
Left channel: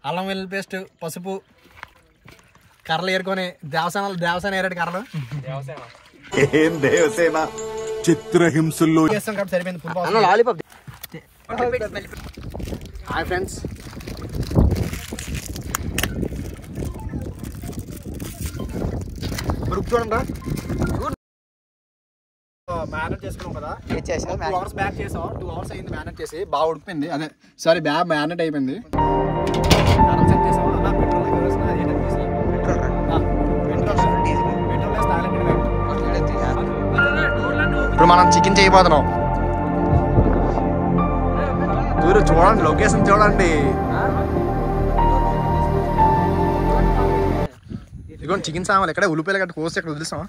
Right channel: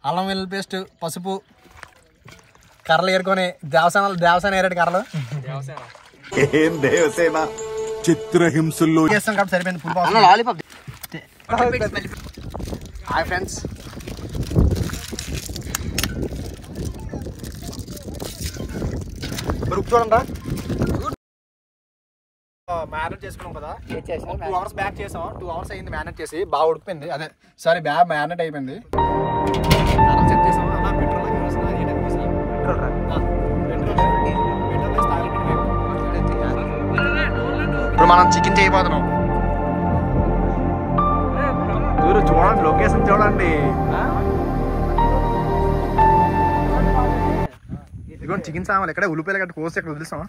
అల్లం వెల్లుల్లి పేస్ట్ పసుపు కర్రలు ఏరుకొని దేవసేన ఏరాడు కర్రలు ఏం దేవసేన చిత్రహింసల్లో చేస్తాం కాబట్టి సరిపోయింది. Full lollipop. హాయ్ ఫ్రెండ్స్, రుక్ చూడండి. మ్యారినేట్ చేసుకున్నాం కదా, 2 hours బ్యాక్ చేసాం. 2 hours అయింది మ్యారినేట్ చేసి, బాగా ఉడికిపోయింది. అదే సారీ బ్యాగ్ మ్యారినేట్ అయిపోయింది. సెట్ చేసాం. అలా పెట్రోల్ ఇప్పుడు మనం చికెన్ చేయబోతున్నాం. చూడండి లొకేషన్ చూడండి. ఇదిగోండి చికెన్ సామాన్లు ఎక్కడ ఉల్లిపాయలు గట్ట కోసి ఇక్కడ వదిలేసామా.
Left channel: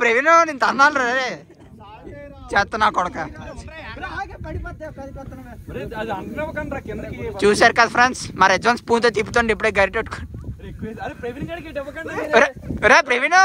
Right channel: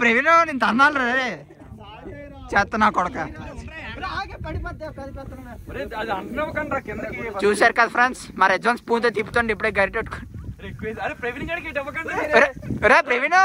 ప్రవీణ్ నేను తన్నాను రే చేస్తా నా కొడక. చూసారు కదా ఫ్రెండ్స్, మా రెజ్వాన్ స్పూన్ తో తిప్పుతుండే ఇప్పుడే గరిట ప్రవీణ్.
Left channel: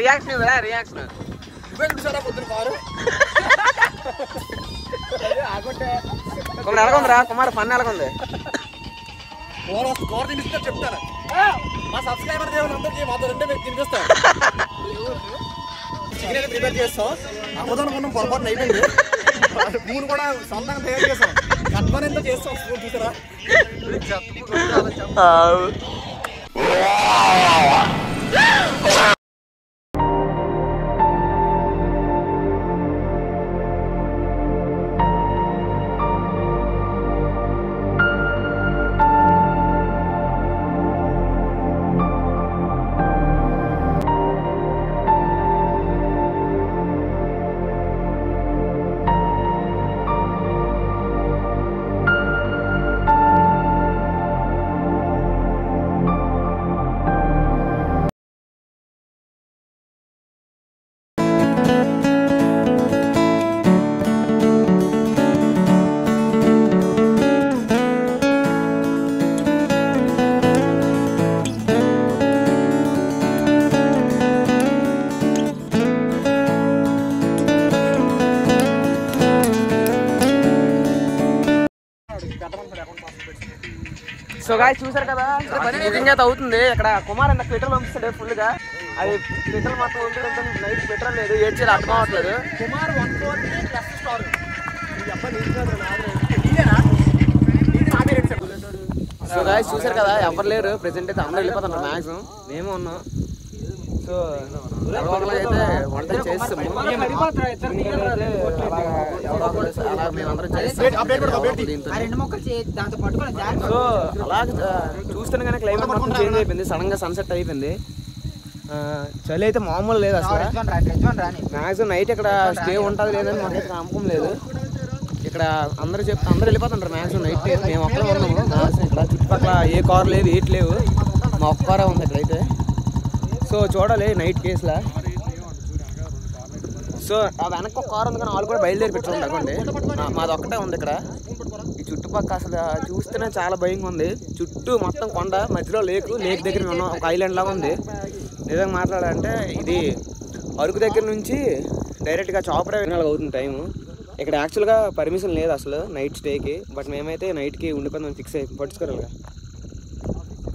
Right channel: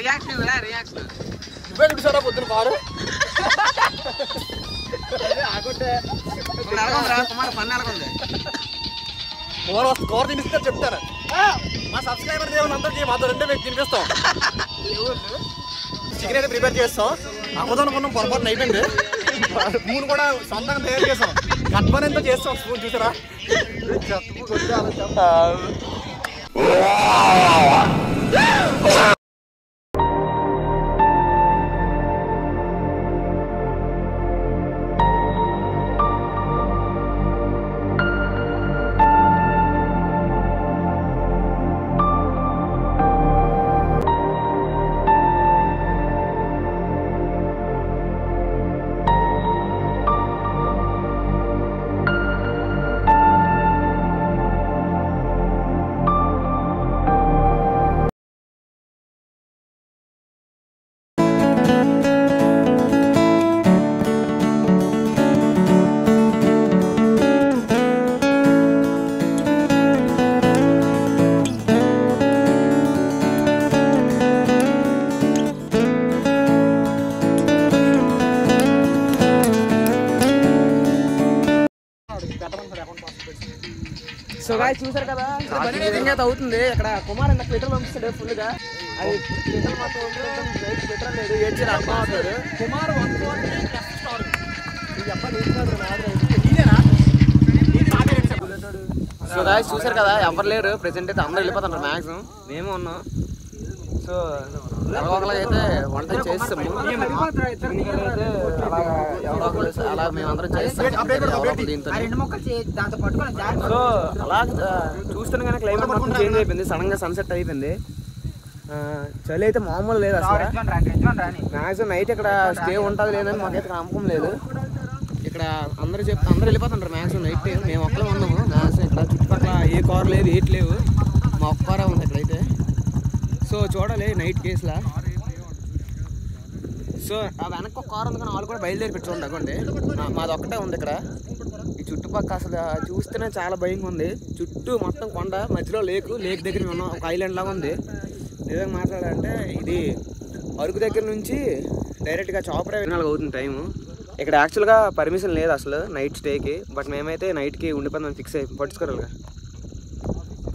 రియాక్షన్ రియాక్షన్ పొద్దున కారు ఎలాగుందిరా కుమార్, పన్ను ఎలాగుంది? కూర తినిపిస్తారు చెప్తారు. మా సబ్స్క్రైబర్ దేవుని అందరికీ మాతో 2 వ్యక్తి తినిపిస్తాం. చికెన్ అయితే ప్రిపేర్ చేస్తాం. అమ్మదాన్ని కొన్నాం, పొరపాటున అయిపోయింది. స్పూన్ కూడా సొంతంగా తయారు చేస్తాం. కట్మని ఎంత చేస్తాం స్పూన్ చూసారా. సో గాయ్స్ చూసారు కదా, ఇంకా అవుతుంది ఇక్కడ. కుమార్ అన్న పెట్రోల్ పంపిస్తాడు ఫుల్ గా. అది పెట్రోల్ మాత్రం ఉంటుంది, నైట్ పెట్రోల్ లేదు, ఏడ్చేది అర్థం అవ్వట్లేదు. Kumar 140 plus star. So guys చూసారు కదా, ఎవరు లేరు ప్రెసెంట్ అయితే. అందరూ వెళ్ళిపోతున్నారు మ్యాక్సిమం, మేము ఉన్నాం. సో అయితే వంట చేస్తాము. అలా మేమందరం చేస్తాం దీంతో. సో అలా చూస్తేనే కానీ క్లైమేట్ మొత్తం చేంజ్ అయిపోయింది. సడన్ గా సన్సెట్ అయిపోయింది. చలి అయితే మామూలు లేదు అసలు. మ్యాక్సిమం నైట్ ఇక్కడ స్టే ఉంటుంది లేదని మాకైతే నమ్మకం లేదు. ఇక్కడ అందరూ వెళ్ళిపోతుంటారు మ్యాక్సిమం నైట్. మేము ఒక్కడే ఉన్నాము మ్యాక్సిమం. ఇక్కడ చుట్టుపక్కల ఏ కారు లేదు, ఏటి లేవు, మా ఒక్క కారే ఉంది ఇక్కడైతే. సో చూడాలి నైట్ కేసులా. సో ఆ వెనక్కి ఒక కారు ఉంది కానీ వాళ్ళు కూడా బయలుదేరి పెట్టుకోండి అవ్వండి. మాది ఒక్కటే ఉంది ఇక్కడ. ఈ చుట్టుపక్కల అసలు చూస్తేనే చాలా భయంగా ఉంది. చుట్టూ మొత్తం కొండ, మధ్యలో లేక్ దగ్గర ఉన్నాం. ఒక ఐలాండ్ లాగా ఉంది. నిజంగా మాట్లాడాలంటే ఇది అరకు దగ్గర నుంచి డైరెక్ట్గా చాపరే వినాలి అవుతుంది టైము. ఇక్కడ యాక్చువల్గా పర్మిషన్ లేదు అసలు నైట్ స్టేకి. బట్ మేమైతే నైట్కి ఉండిపోయిందని ఫిక్స్ అయిపోయి పట్టుకోరాలిగా.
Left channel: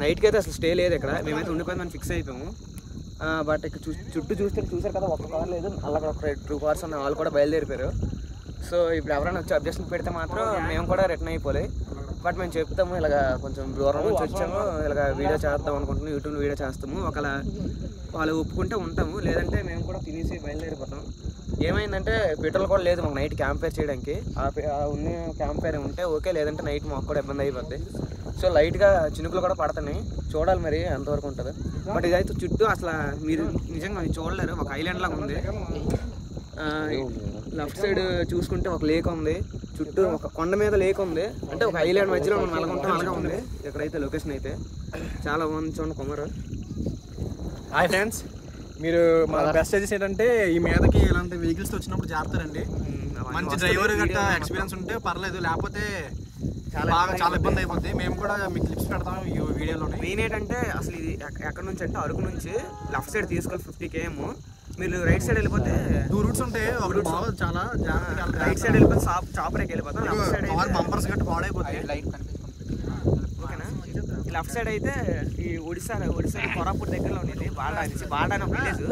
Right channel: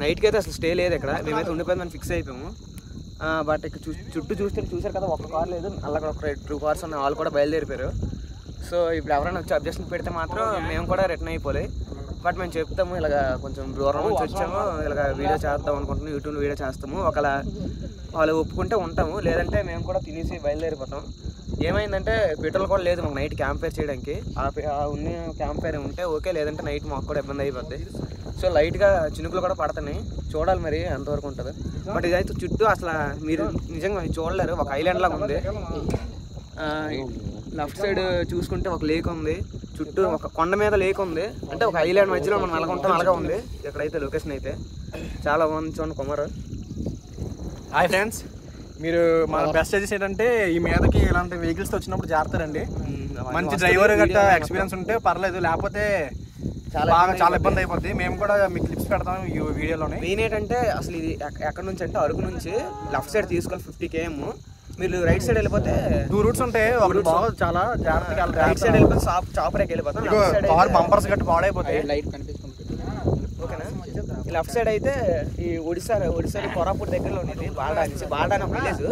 నైట్కి అయితే అసలు స్టే లేదు ఇక్కడ. మేమైతే ఉండిపోయిందని ఫిక్స్ అయిపోయాము. బట్ ఇక్కడ చుట్టూ చూసారు కదా, ఒక్క కార్ లేదు. అక్కడ ఒక 2 కార్స్ ఉన్నాయి, వాళ్ళు కూడా బయలుదేరిపోయారు. సో ఇప్పుడు ఎవరైనా వచ్చి అబ్జెక్షన్ పెడితే మాత్రం మేము కూడా రిటర్న్ అయిపోలే. బట్ మేము చెప్తాము ఇలాగ కొంచెం దూరం నుంచి వచ్చాము, ఇలాగ వీడియో చేద్దాం అనుకుంటున్నాం, యూట్యూబ్ వీడియో చేస్తాము. ఒకవేళ వాళ్ళు ఒప్పుకుంటే ఉంటాము, లేదంటే మేము కూడా తినేసి బయలుదేరిపోతాం. ఏమైందంటే పెట్రోల్ కూడా లేదు మాకు నైట్ క్యాంప్ ఫైర్ చేయడానికి. ఉన్న క్యాంప్ ఫైర్ ఉంటే ఓకే, లేదంటే నైట్ మాకు కూడా ఇబ్బంది అయిపోద్ది. సో లైట్గా చినుకులు కూడా పడుతున్నాయి, చూడాలి మరి ఎంతవరకు ఉంటుంది. బట్ ఇదైతే చుట్టూ అసలు మీరు నిజంగా చూడలేరు, ఒక ఐలాండ్ లాగా ఉంది. లెఫ్ట్ సైడ్ చూసుకుంటే ఒక లేక్ ఉంది, చుట్టూ ఒక కొండ మీద లేక్ ఉంది, అంటే ఒక ఐలాండ్ మధ్యలో మనం నెలకొంటాం అలాగా ఉంది. ఇక్కడైతే లొకేషన్ అయితే చాలా బాగుంది. చూడండి కుమార్. హాయ్ ఫ్రెండ్స్, మీరు మన బెస్ట్ సజెస్ట్ ఏంటంటే ఈ మీదకి ఇలాంటి వెహికల్స్ వచ్చినప్పుడు జాగ్రత్తారండి. మంచి డ్రైవర్ గట్రా ఎక్స్పీరియన్స్ ఉంటే పర్లేదు, లేకపోతే చాలా ఇబ్బంది అయిపోద్ది. మేము కూడా మీకు క్లిప్స్ పెడతాం ఈ వీడియోలోనే. మెయిన్ ఏంటంటే అసలు ఇది ఎక్కడ నుంచి అంటే అరకు నుంచి లెఫ్ట్ సైడ్ తీసుకోవాలి 50 km. మీరు రైట్ సైడ్ వెళ్ళిపోతే 2 రూట్స్ ఉంటాయి. ఒక రూట్ చాలా జాగ్రత్తగా రైట్ సైడ్ వెళ్ళిపోతే చాపరేకి వెళ్ళిపోతాం. కార్ బంపర్స్ గట్టి పాడైపోతాయి. ఓకేనా? లెఫ్ట్ సైడ్ అయితే ఈ ఒడిశాలో కొరాపూర్ దగ్గరలో ఉండేది బాల్డా అనేసి. బాల్డా అని ఒక విలేజ్.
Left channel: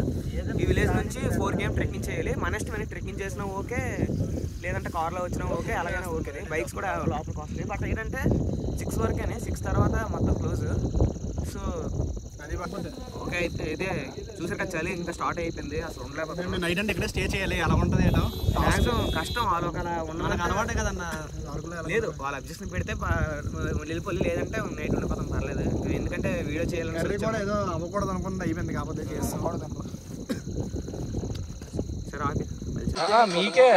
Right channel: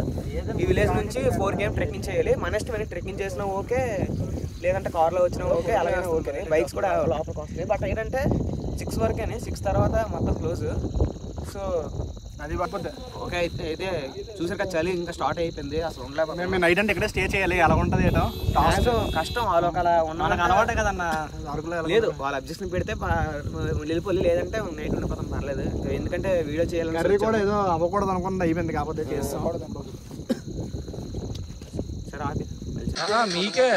ఈ విలేజ్ నుంచి 4 km ట్రెక్కింగ్ చేయాలి. మన ఇష్టమైన ట్రెక్కింగ్ చేసినా ఓకే, లేదంటే కార్లో వచ్చినా ఓకే, అలాగైనా ఓకే. బైక్స్ కూడా లోపలికి వస్తాయి. బట్ ఏంటంటే 6 వరకేనే, 6 తర్వాత మొత్తం క్లోజ్. సో అది ఓకే. అయితే చూసారు కదా, చలి ఇంకా స్టార్ట్ అయిపోయింది, అసలు ఉండలేకపోతే. మేము నైట్ అంటే ఇక్కడే స్టే చేయాలి, ఎలా ఉంటుంది ఏదో కష్టం. వాళ్ళు ఒక మనకు అలవాటే కదన్న అరకులో. లేదు, వాళ్ళ అబ్జెక్షన్ పెడితే వెళ్ళిపోయి, లేదంటే నైట్ ఉండిపోతాం పర్లేదు. ఎందుకంటే వీడియో చేయాలి. కర్రీ కూడా ఏదో అవ్వకూడదు అనుకుంటే అయిపోయింది, కాకపోతే చేస్తాం. సరే ఆపి మీకే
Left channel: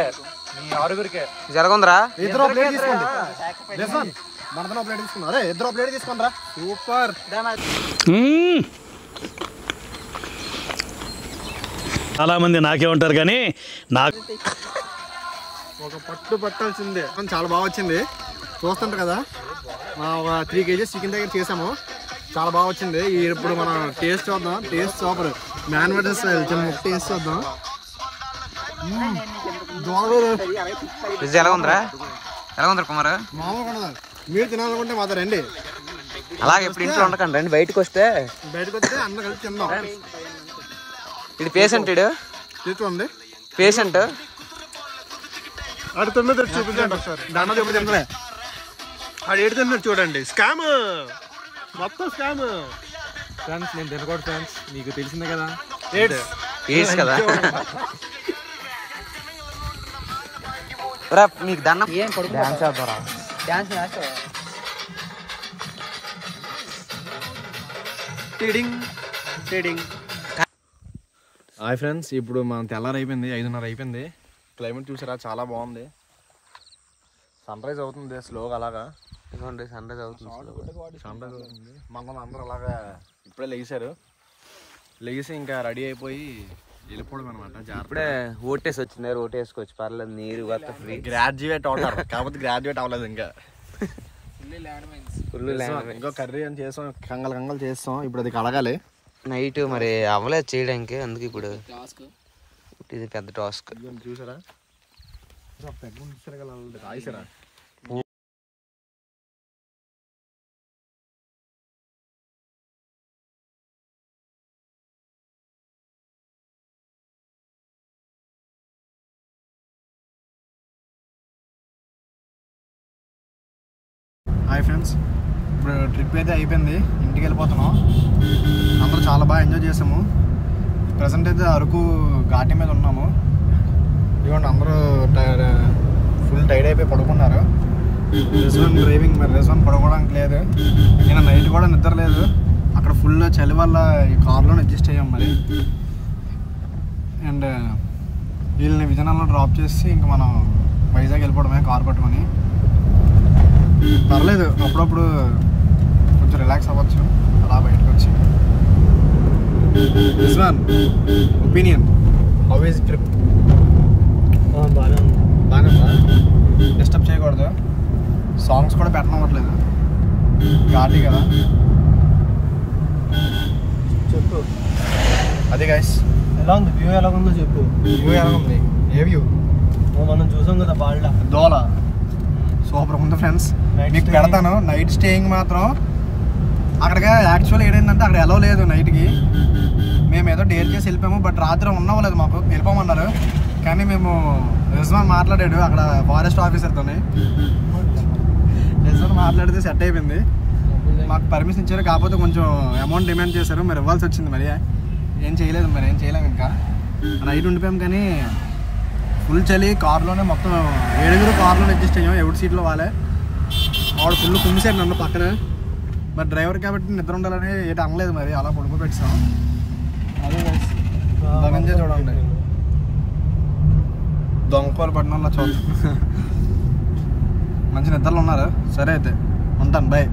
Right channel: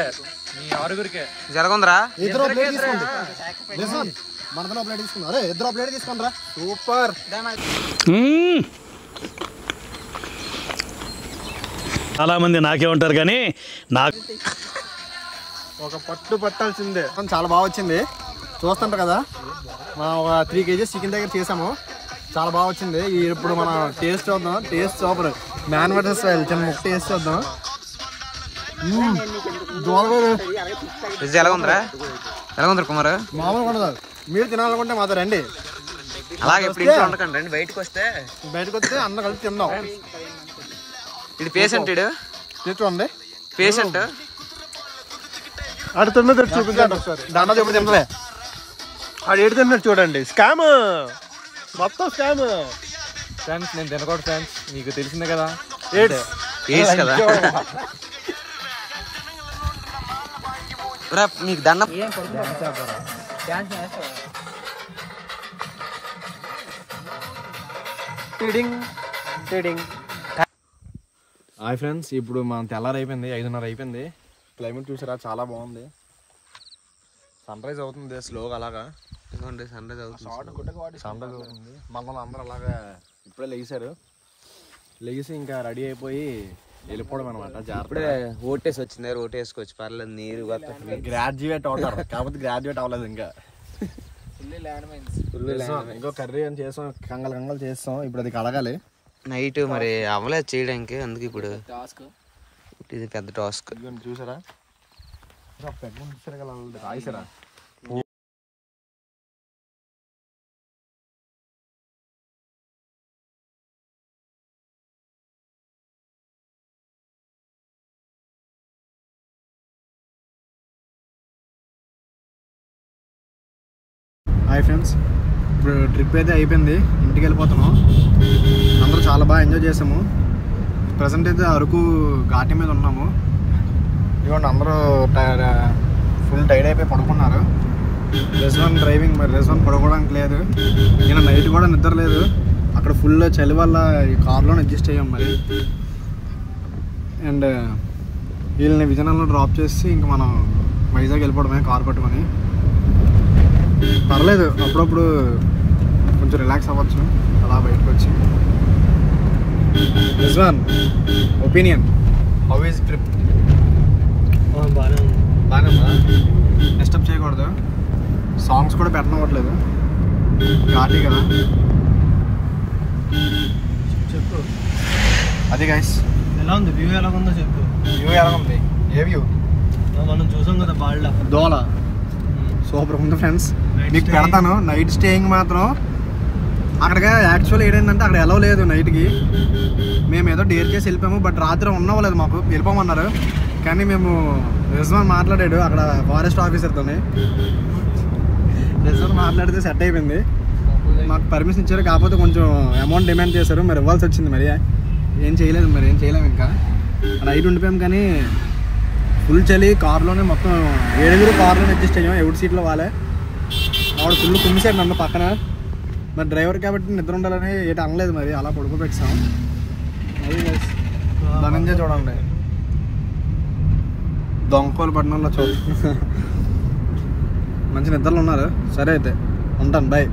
మీ ఆరుగురికే జరగందిరా. ఇద్దరు ప్లేట్ తీసుకోండి, మనతో ప్లేట్ తీసుకున్నా. అరే ఇద్దరు ప్లేట్ తీసుకోండి రా. సూపర్. చాలా మంది నాకే ఉంటారు కానీ నాకు ఒక పట్టు పట్టాల్సిందే. చాలా బాగా వచ్చింది, చూస్తుంటారు కదా. ఒక 3 kgs చికెన్ దగ్గర చేసాము, చాలా బాగా వచ్చింది. ఇప్పుడు మనం టేస్ట్ చూద్దాం. Taste super. Man versus style చిన్న ముక్క టేస్ట్ చూద్దాం. ఎలా ఉందిరా కుమార్? మామూలుగా ఉండదు. మీరు తినాలనుకుంటే మాతో రండి. అలాగే ఇప్పుడు ఇంట్లో ఉండకండి, రండి. బయటకు వస్తే అందరం కలిసి తిందాం. ఇది పేషెంట్, చూసుకోండి పేషెంట్. అటు తిన్న చూపించండి ఒకసారి. దండ చూపించండి. ఆడు ఏడు తిన్నాడు చూడండి. స్కామ్, మొత్తం స్కామ్. ఫ్రెండ్స్ నేను తినకూడదు ఫ్రెండ్స్, మీకు తెలిసిందే కదా. కదా మీకు దండం. హాయ్ ఫ్రెండ్స్, ఇప్పుడు మనం తెల్లారు అయిపోయింది, 5:30 అయిపోయింది. క్లైమేట్ చూసారా, చాలా బాగుంది. సన్ రైజ్ అవుతుంది స్లోగా, అలాగా సన్ రైజ్ అవుతుంది. మనం అందరూ అలాగా ఇప్పుడే లేచి ఇంకా రెడీ అయిపోయి వెళ్ళిపోవడం అనమాట. ఇప్పుడే ఓటేసి వచ్చింది, ఓటు వేసుకోవచ్చు పర్లేదు. నీరు గ్రాడ్యుయేట్ అవుతారు, కాకపోతే గ్రాడ్యుయేట్ అవ్వలేదు ఇంకా. ఇంకో కర్రీ అని చేస్తాం, కంగలు చేస్తాం. ఇప్పుడు అది కడగాలి. నైట్ మరి అవ్వలేదు చేయడానికి, అందుకే ఇప్పుడు ఇది పెద్ద టాస్క్. చూసారా రాయిసారా. హాయ్ ఫ్రెండ్స్, ఇప్పుడు ట్రిప్ అయితే అయిపోయింది, ఇంటికి వెళ్ళిపోతున్నాం. అందరూ చాలా బాగా ఎంజాయ్ చేసాము. ప్రజెంట్ అయితే అరకు ఘాటి మీద ఉన్నాము. ఇదిగోండి అందరూ ఫుల్ టైర్డ్ అయిపోయి పడుకున్నారు. రెజ్వాన్ డ్రైవింగ్, మరి రెజ్వాన్ పడుకోవడానికి లేదు. నేను నైట్ కూడా నిద్ర లేదు, అక్కడ ఫుల్ చలి వల్ల ఈ కార్లోనే అడ్జస్ట్ అయ్యాం మరి. అండ్ వీళ్ళని విజయనగరంలో డ్రాప్ చేసి ఇంకా మనం వైజాగ్ వెళ్ళిపోవడమే కార్ పట్టుకొని. పర్లేదు, అప్పుడప్పుడు కొంచెం రిలాక్స్ అవ్వచ్చు అలా బయటకు వచ్చి. Rizwan opinion, how is trip? బాగానే డిస్టర్బ్ చేయకూడదు, సాంగ్స్ కూడా పెట్టనవ్వట్లేదు, ఘాటి కదా. చెప్పు అది గైస్. ఎలా ఉంది వ్యూ? ఎలా ఉందో చెప్పు. వ్యూ ఎలా ఉంది? ఏ వ్యూ? మనం చూసాం కదా బాల్డా దోల. సూపర్ ఉంది ఫ్రెండ్స్, మీకు పెడతాను. నైట్ స్టేయింగ్ మాత్రం అక్కడికి యాక్చువల్లీ ఏంటంటే అక్కడ ఎలా లేదు నైట్కి. మేము ఏదో డేర్ చేసి వెళ్ళిపోయాము, బట్ రాత్రి ఉన్నవ్వలేదు, మాకు వెళ్ళిపోమన్నారు. కానీ మేము రిజ్వాన్ మాట్లాడాడు అక్కడ ఫారెస్ట్ ఆఫీసర్తో. రిజర్వ్ మాట్లాడితే సెట్ అయిపోయింది. మాకు పర్మిషన్ ఇచ్చారు, కాకపోతే కొంచెం అమౌంట్ డిమాండ్ చేశారు, మరి ఇవ్వాల్సి వచ్చింది. మరి ఏం చేయలేదు, మరి ఏం చేయలేము. ఇంకా నైట్ ఉండిపోయాం, కానీ ఫుల్ చలి. కారులోనే మొత్తం 7 కారులోనే అడ్జస్ట్ అయ్యాం, ఎవరి సీట్లో వాళ్ళే. వాడు ఫుల్ కుమ్మిసాడు నన్ను పక్కన. మరి డ్రైవర్ కాబట్టి నిద్ర ఉండాలని ఏటి అనలేదు, మరి అలా పడుకోబెట్టాం. అదే ధనంజయ్ చూడండి, దొంగకోలు పడిన వాళ్ళ చూడండి. మంచి నిద్రలో ఉన్నారు. సరే అయితే ఉంటాను, బాయ్.